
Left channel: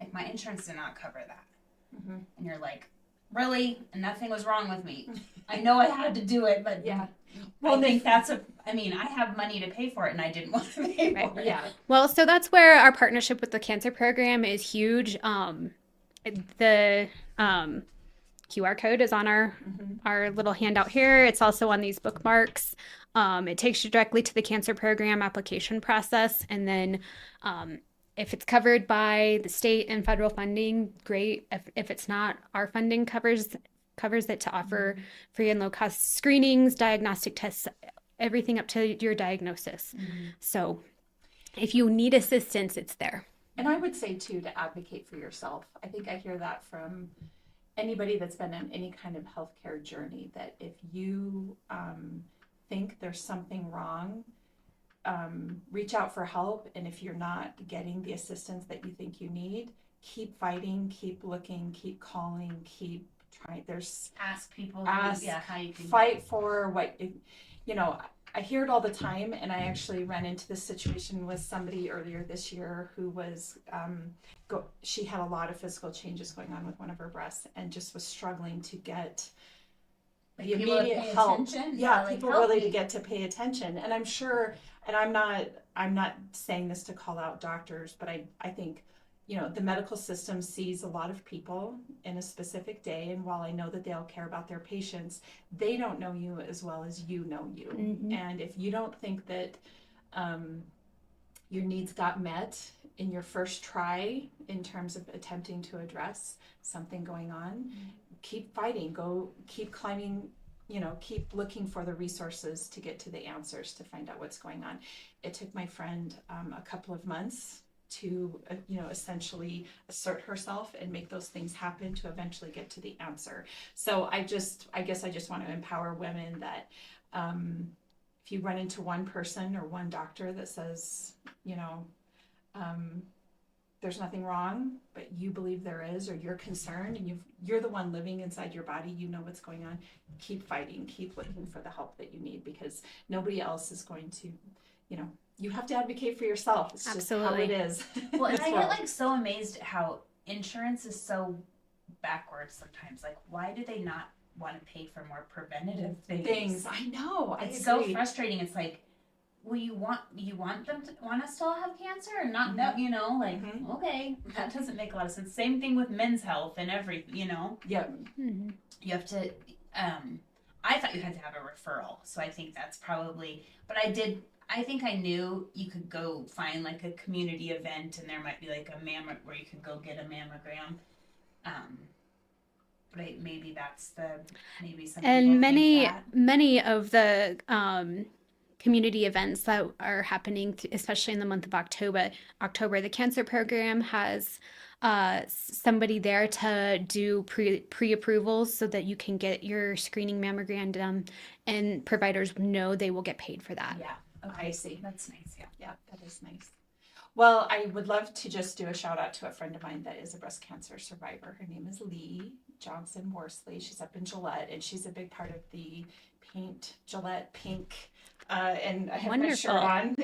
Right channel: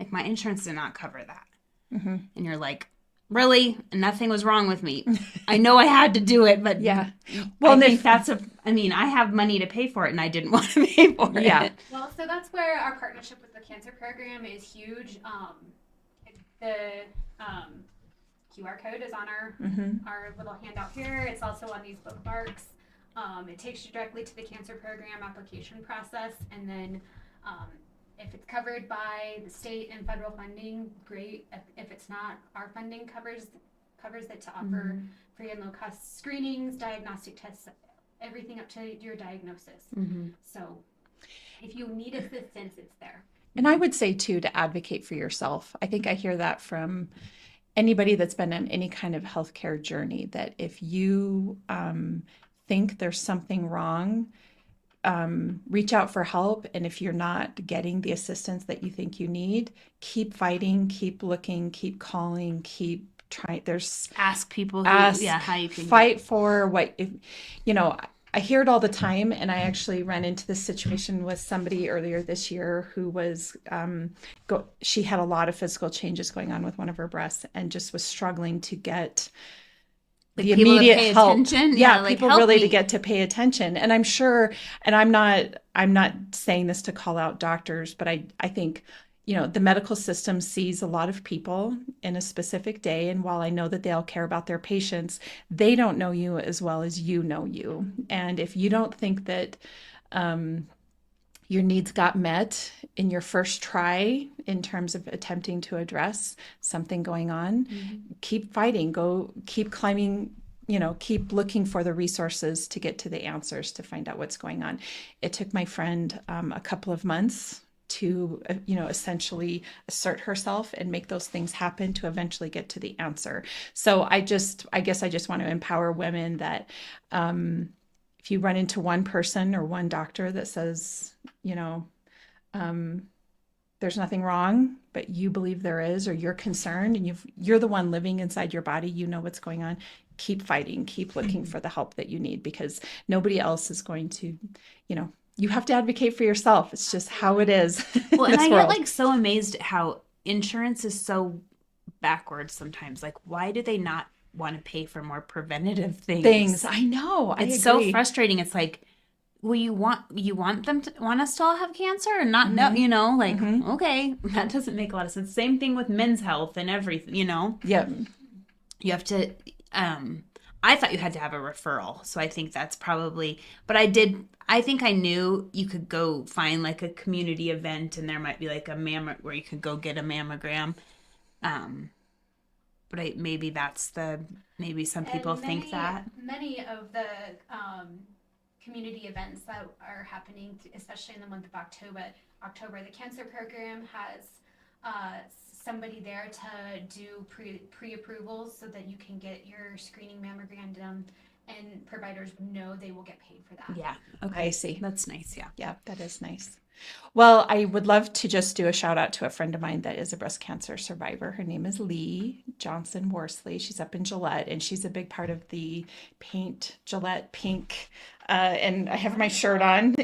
Like my insurance did not cover that. And you're like, really? Nothing was wrong with me. I know I had to do it, but well, I think I have money to pay for it and I didn't want to pay for it. Yeah. Well, so that's where our partnership with the cancer program is huge. The QR code is on our little handout here. It's also on these bookmarks. It takes you directly to the cancer program application process. And then if it's covered by the state and federal funding, great. If it's not, our funding covers covers it to offer free and low cost screenings, diagnostic tests, everything up to your diagnosis. So if you need assistance, it's there. And I would say too, to advocate for yourself. I think I hear that from anybody that's been on any kind of healthcare journey, that if you think there's something wrong, reach out for help. And if you're not getting the assistance that you think you need, keep fighting, keep looking, keep calling, keep trying. Ask people how you can fight for what, I hear it all the time. And I actually ran into this situation with somebody earlier this year who was, she had a lot of physical changes going on with one of her breasts and just was struggling to get the immediate help. People really to get to pay attention. And I'm sure, and I'm not saying this to call out doctors, but I think, the medical system sees a lot of people in a specific day. And while I know that they all care about their patients, they don't know you as well as you know you. And if you don't think that your needs got met in your first try in terms of attempting to address something going on, keep fighting, keep climbing, keep looking for the resources to get to the answers to find out what's going on. It took my friend a couple of months to, essentially assert herself and make those things happen to eventually get to the answer. So I guess I just want to empower women that if you run into one person or one doctor that says, there's nothing wrong, but you believe there is, or you're concerned and you're the one living inside your body, you know what's going on, keep fighting, keep looking for the help that you need, because nobody else is going to, you have to advocate for yourself. It's just how it is. Well, and I get so amazed at how insurance is so backwards sometimes. Like, why do they not want to pay for more preventative things? I know. It's so frustrating. It's like, well, you want us to all have cancer and not know, okay, that doesn't make a lot of sense. Same thing with men's health and everything, Yeah. You have to, I thought you had to have a referral. So I think that's probably, but I think I knew you could go find a community event and there might be a where you could go get a mammogram. But maybe maybe some people think that. Many of the community events that are happening, especially in the month of October, the cancer program has somebody there to do pre-approvals so that you can get your screening mammogram done, and providers know they will get paid for that. Yeah. Okay. I see. That's nice. Yeah. Yeah, that is nice. Well, I would love to just do a shout out to a friend of mine that is a breast cancer survivor. Her name is Lee Johnson Worsley. She's up in Gillette, and she's a big part of the Gillette Pink. And I have my shirt on.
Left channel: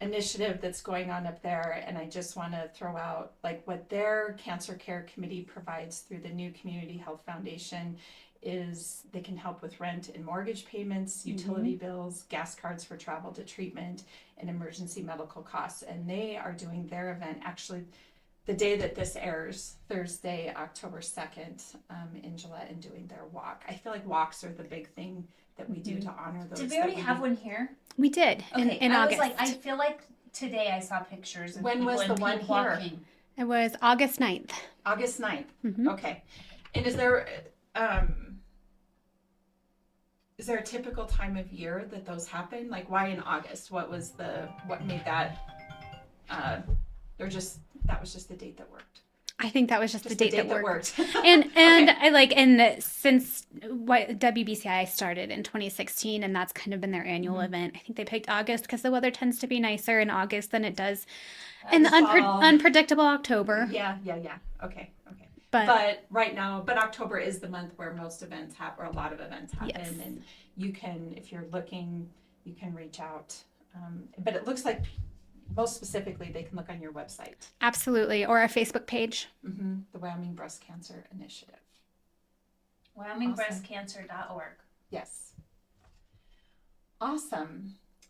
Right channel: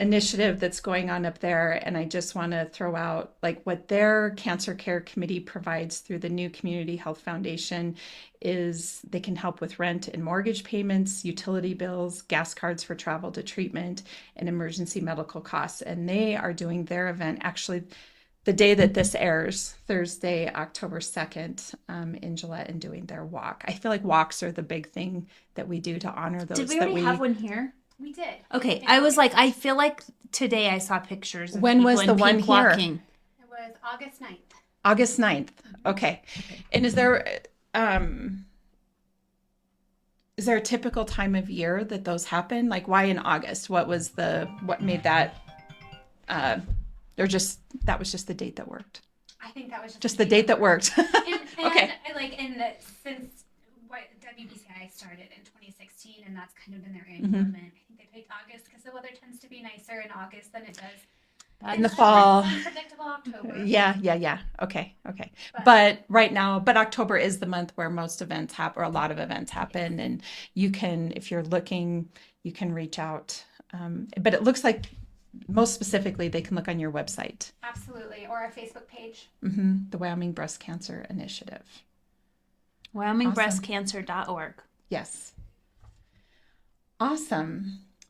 Initiative that's going on up there. And I just want to throw out what their cancer care committee provides through the New Community Health Foundation is they can help with rent and mortgage payments, utility bills, gas cards for travel to treatment, and emergency medical costs. And they are doing their event actually the day that this airs, Thursday, October 2nd, in Gillette, and doing their walk. I feel like walks are the big thing that we do to honor those. Did we already have one here? We did. Okay. I was I feel like today I saw pictures of when was the one here? Walking. It was August 9th. August 9th. Okay. And is there a typical time of year that those happen? Why in August? What made that that was just the date that worked? I think that was just the date that worked. and okay. and since WBCI started in 2016, and that's kind of been their annual event. I think they picked August because the weather tends to be nicer in August than it does in the unpredictable October. Yeah. Okay. But right now, October is the month where most events happen, or a lot of events happen, and you can, if you're looking, you can reach out. But it looks like, most specifically, they can look on your website. Absolutely. Or our Facebook page. The Wyoming Breast Cancer Initiative. WyomingBreastCancer.org. Yes. Awesome.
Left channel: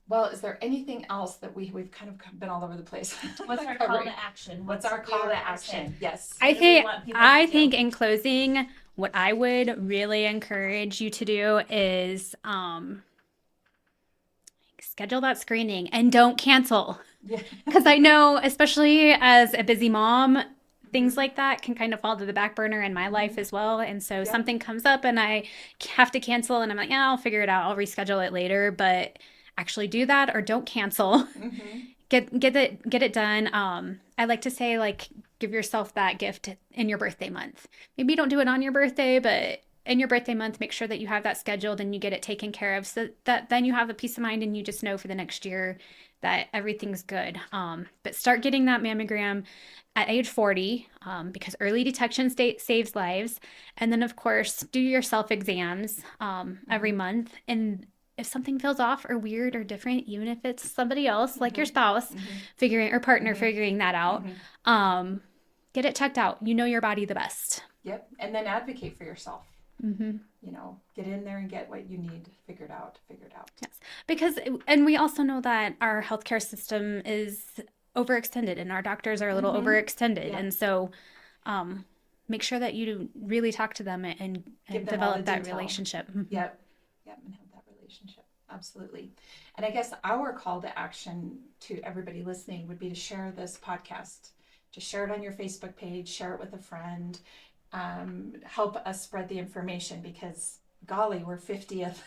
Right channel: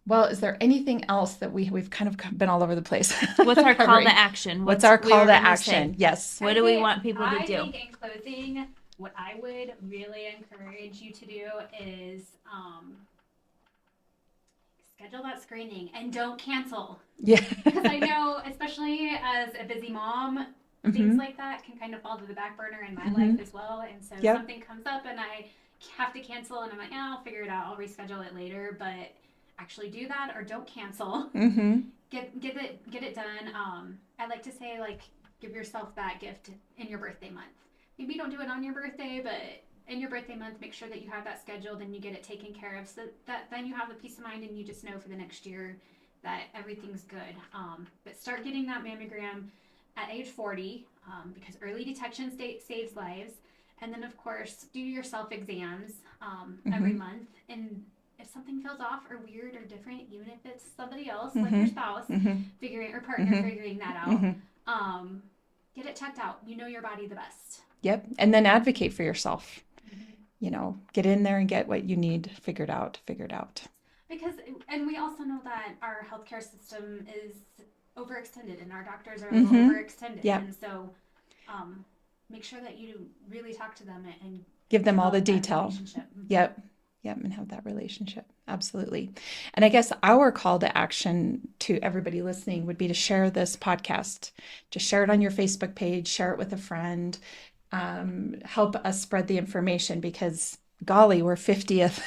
Well, is there anything else that we've kind of been all over the place? What's our call to action? What's our call to action? Yes. What do we want people to do? I think in closing, what I would really encourage you to do is schedule that screening and don't cancel. Yeah. Because I know, especially as a busy mom, things like that can kind of fall to the back burner in my life as well. And so something comes up and I have to cancel and I'm like, yeah, I'll figure it out. I'll reschedule it later, but actually do that or don't cancel. Get it done. I like to say, like, give yourself that gift in your birthday month. Maybe you don't do it on your birthday, but in your birthday month, make sure that you have that scheduled and you get it taken care of, so that then you have a peace of mind and you just know for the next year that everything's good. But start getting that mammogram at age 40, because early detection saves lives. And then, of course, do your self-exams every month. And if something feels off or weird or different, even if it's somebody else, like your spouse, figuring or partner figuring that out, get it checked out. You know your body the best. Yep. And then advocate for yourself. You know, get in there and get what you need figured out. Yes. Because, and we also know that our healthcare system is overextended and our doctors are a little overextended. And so make sure that you really talk to them and give them all the detail. Relationship. Yep. And have that relationship. Absolutely. And I guess our call to action to everybody listening would be to share this podcast. Just share it on your Facebook page, share it with a friend, help us spread the information, because golly, we're 50th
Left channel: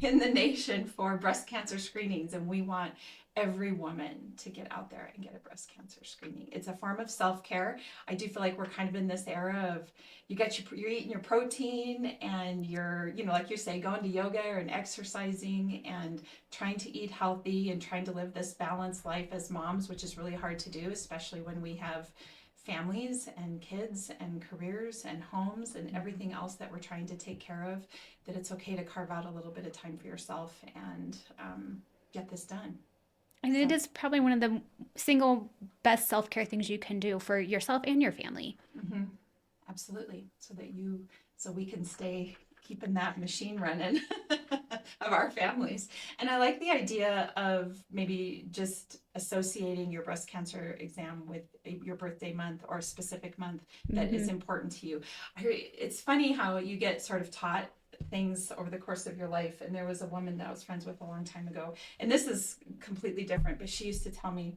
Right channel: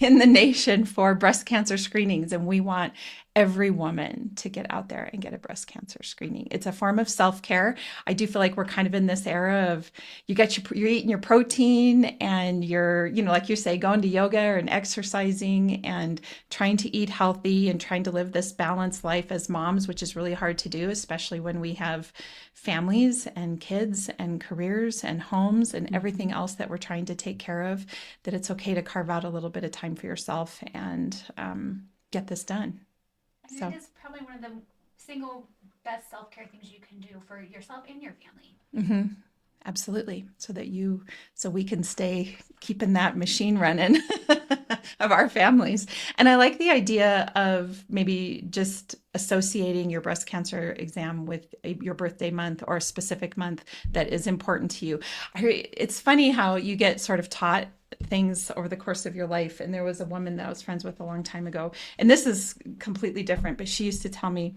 in the nation for breast cancer screenings. And we want every woman to get out there and get a breast cancer screening. It's a form of self-care. I do feel like we're kind of in this era of you're eating your protein and you're, you know, like you say, going to yoga and exercising and trying to eat healthy and trying to live this balanced life as moms, which is really hard to do, especially when we have families and kids and careers and homes and everything else that we're trying to take care of, that it's okay to carve out a little bit of time for yourself and get this done. And it is probably one of the single best self-care things you can do for yourself and your family. Absolutely. So we can stay keeping that machine running of our families. And I like the idea of maybe just associating your breast cancer exam with your birthday month or a specific month that is important to you. It's funny how you get sort of taught things over the course of your life. And there was a woman that I was friends with a long time ago, and this is completely different, but she used to tell me,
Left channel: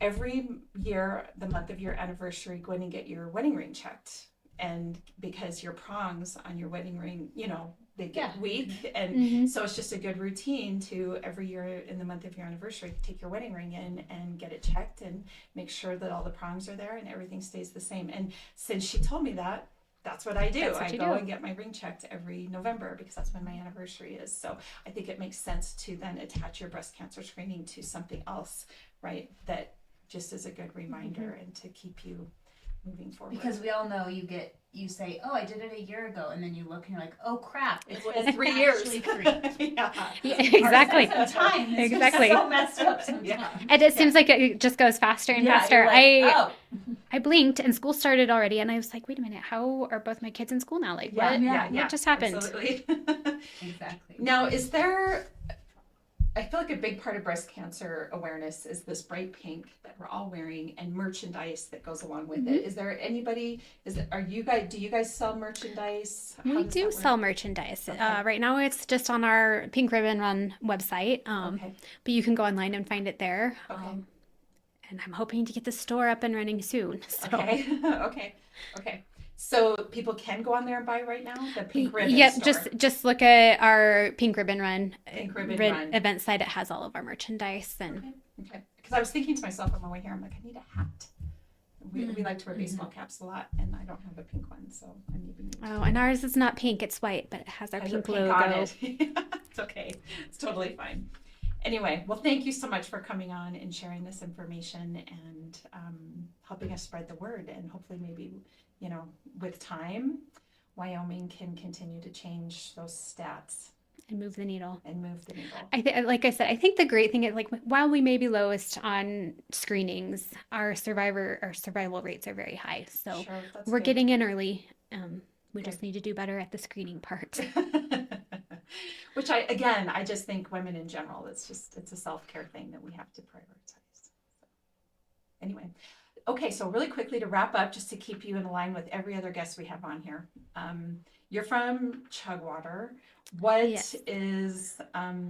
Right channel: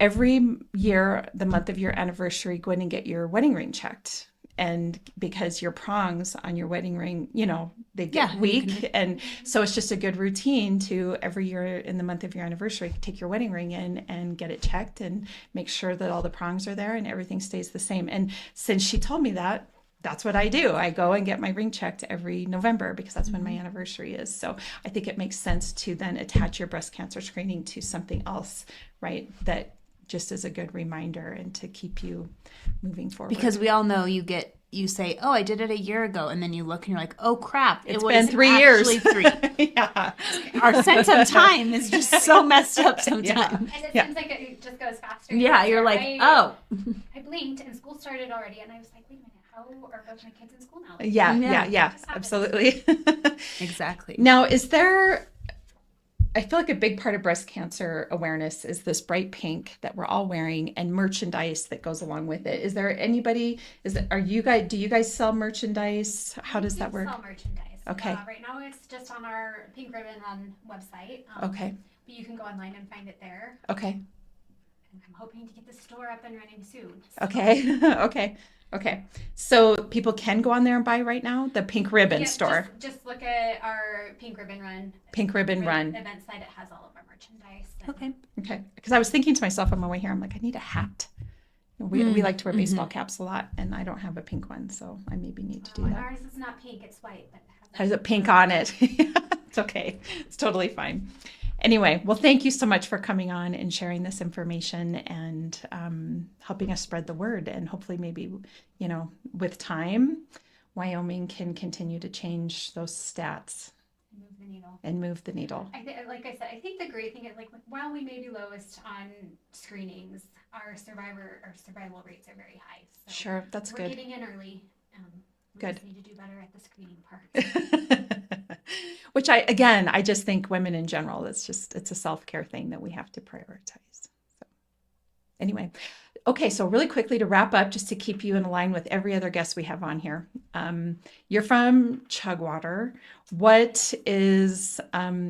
every year, the month of your anniversary, go in and get your wedding ring checked. And because your prongs on your wedding ring, you know, they get weak. And so it's just a good routine to every year in the month of your anniversary, take your wedding ring in and get it checked and make sure that all the prongs are there and everything stays the same. And since she told me that, that's what I do. I go and get my ring checked every November because that's when my anniversary is. So I think it makes sense to then attach your breast cancer screening to something else, right? That just is a good reminder and to keep you moving forward. Because we all know you say, oh, I did it a year ago. And then you look and you're like, oh, crap. It's been 3 years. 3. Exactly. Our sense of time is just so messed up sometimes. And it seems like it just goes faster and faster. You're like, I blinked and school started already. And I was like, wait a minute, how are both my kids in school now? Like, yeah. It just happened. Absolutely. Exactly. Now, I feel like a big part of breast cancer awareness is this bright pink that we're all wearing and merchandise that goes along with it. Is there anybody, do you guys sell merchandise? How does that work? We do sell merchandise. Okay. Right now it's just on our Pink Ribbon Run website. Okay. But you can go online and find it there. Okay. And I'm hoping to get the store up and running soon. So. Okay. So people can go on there and buy right now? The Pink Ribbon store? Just look at our Pink Ribbon Run. Run event site. It has all of our merchandise. And... Okay. Because I was thinking to myself on my way here, I'm like, I need a hat. We like to wear baseball caps a lot, and I don't have a pink one, so I maybe need to do and that. ours is not pink, it's white, but it has a pink on it. It's okay. It's totally fine. Anyway, well, thank you so much for coming on and sharing this information and helping us spread the word. And hopefully maybe, you know, with time, Wyoming can continue to change those stats. And move the needle. Like I said, I think the great thing is, like, while we may be lowest on screenings, our survival rates are very high. So sure, we're good. Getting in early. We Good. Just need to do better at the screening part. Which I just think women in general, it's a self-care thing that we have to prioritize. So anyway, okay, so really quickly to wrap up, just to keep you in line with every other guest we have on here. You're from Chugwater. What is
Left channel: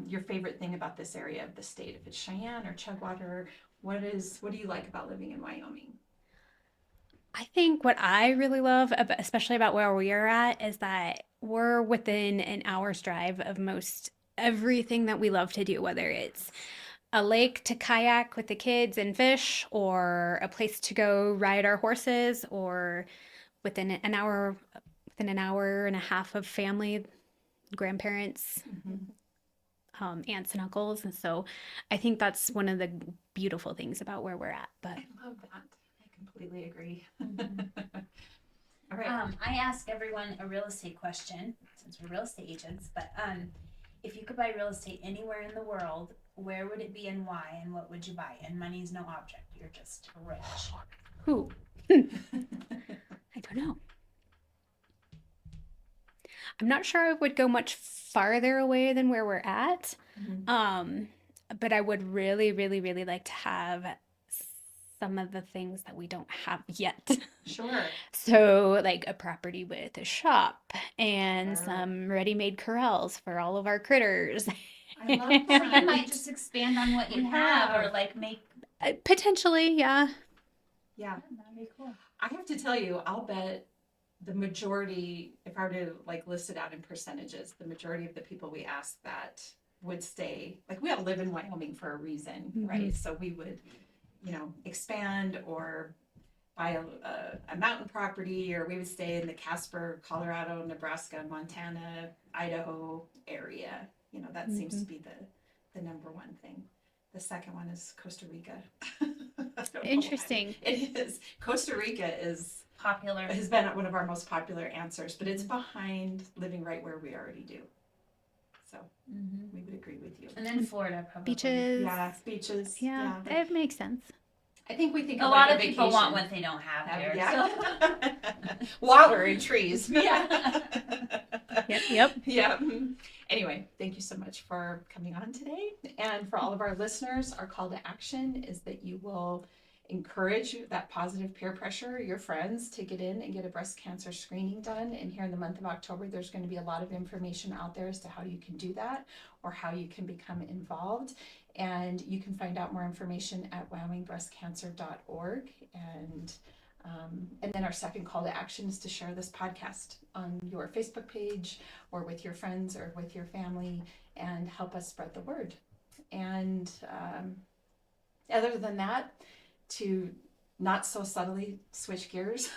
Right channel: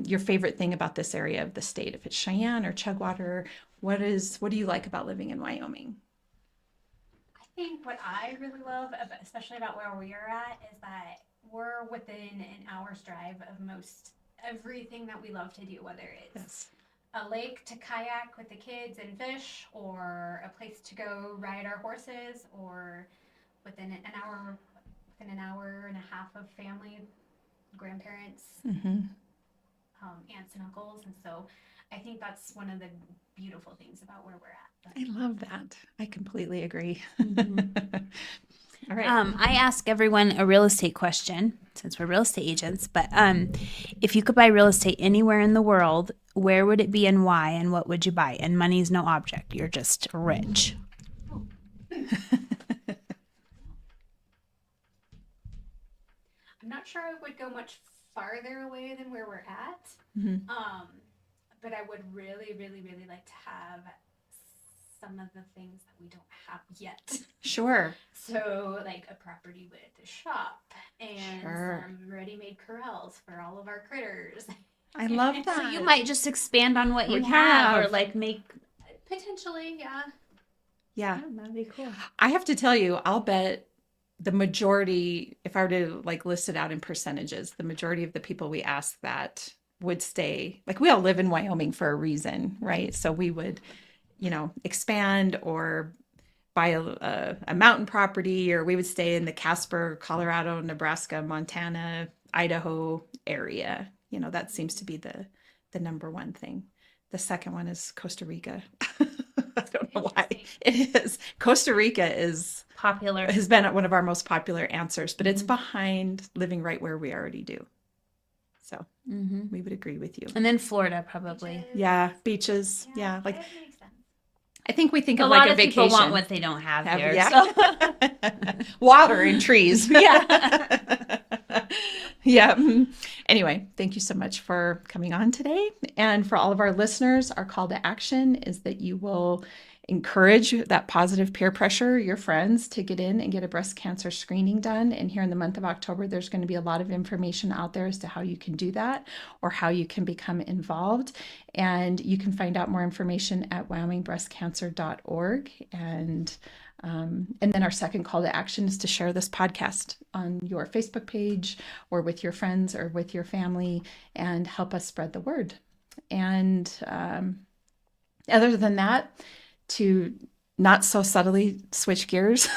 your favorite thing about this area of the state? If it's Cheyenne or Chugwater, what do you like about living in Wyoming? I think what I really love, especially about where we are at, is that we're within an hour's drive of most everything that we love to do, whether it's a lake to kayak with the kids and fish, or a place to go ride our horses, or within an hour and a half of family, grandparents, aunts and uncles. And so I think that's one of the beautiful things about where we're at. But I love that. I completely agree. All right. I ask everyone a real estate question since we're real estate agents, but if you could buy real estate anywhere in the world, where would it be and why, and what would you buy? And money's no object. You're just rich. who? I don't know. I'm not sure I would go much farther away than where we're at. But I would really, really, really like to have some of the things that we don't have yet. Sure. So like a property with a shop and some ready-made corrals for all of our critters. I love that. You might just expand on what you have, or like make Potentially, yeah. Yeah. that'd be cool. I have to tell you, I'll bet the majority, if I were to like list it out in percentages, the majority of the people we ask that would stay. Like, we all live in Wyoming for a reason, right? So we would, expand or buy a mountain property, or we would stay in the Casper, Colorado, Nebraska, Montana, Idaho area. That seems to be the number one thing. The second one is Costa Rica. I don't know Interesting. why. It is. Costa Rica is Popular. has been one of our most popular answers, but it's behind living right where we already do. So we would agree with you. And then Florida, probably. Beaches. Yeah, beaches. Yeah, like it makes sense. I think we think A of lot like a of vacation. people want what they don't have here. Yeah. So. Water and trees. Yeah. Yep. Yeah. Anyway, thank you so much for coming on today. And for all of our listeners, our call to action is that you will encourage that positive peer pressure, your friends, to get in and get a breast cancer screening done. And here in the month of October, there's going to be a lot of information out there as to how you can do that or how you can become involved. And you can find out more information at wyomingbreastcancer.org. And then our second call to action is to share this podcast on your Facebook page or with your friends or with your family and help us spread the word. And other than that, to not so subtly switch gears,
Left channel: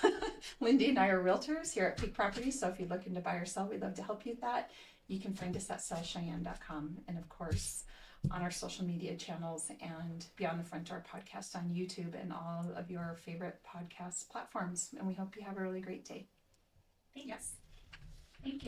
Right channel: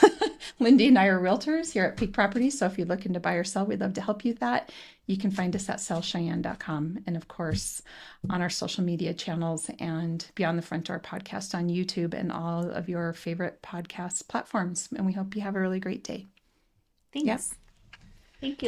Lindee and I are realtors here at Peak Properties. So if you're looking to buy or sell, we'd love to help you with that. You can find us at sellcheyenne.com, and of course on our social media channels and Beyond the Front Door podcast on YouTube and all of your favorite podcast platforms. And we hope you have a really great day. Thanks. Thank you.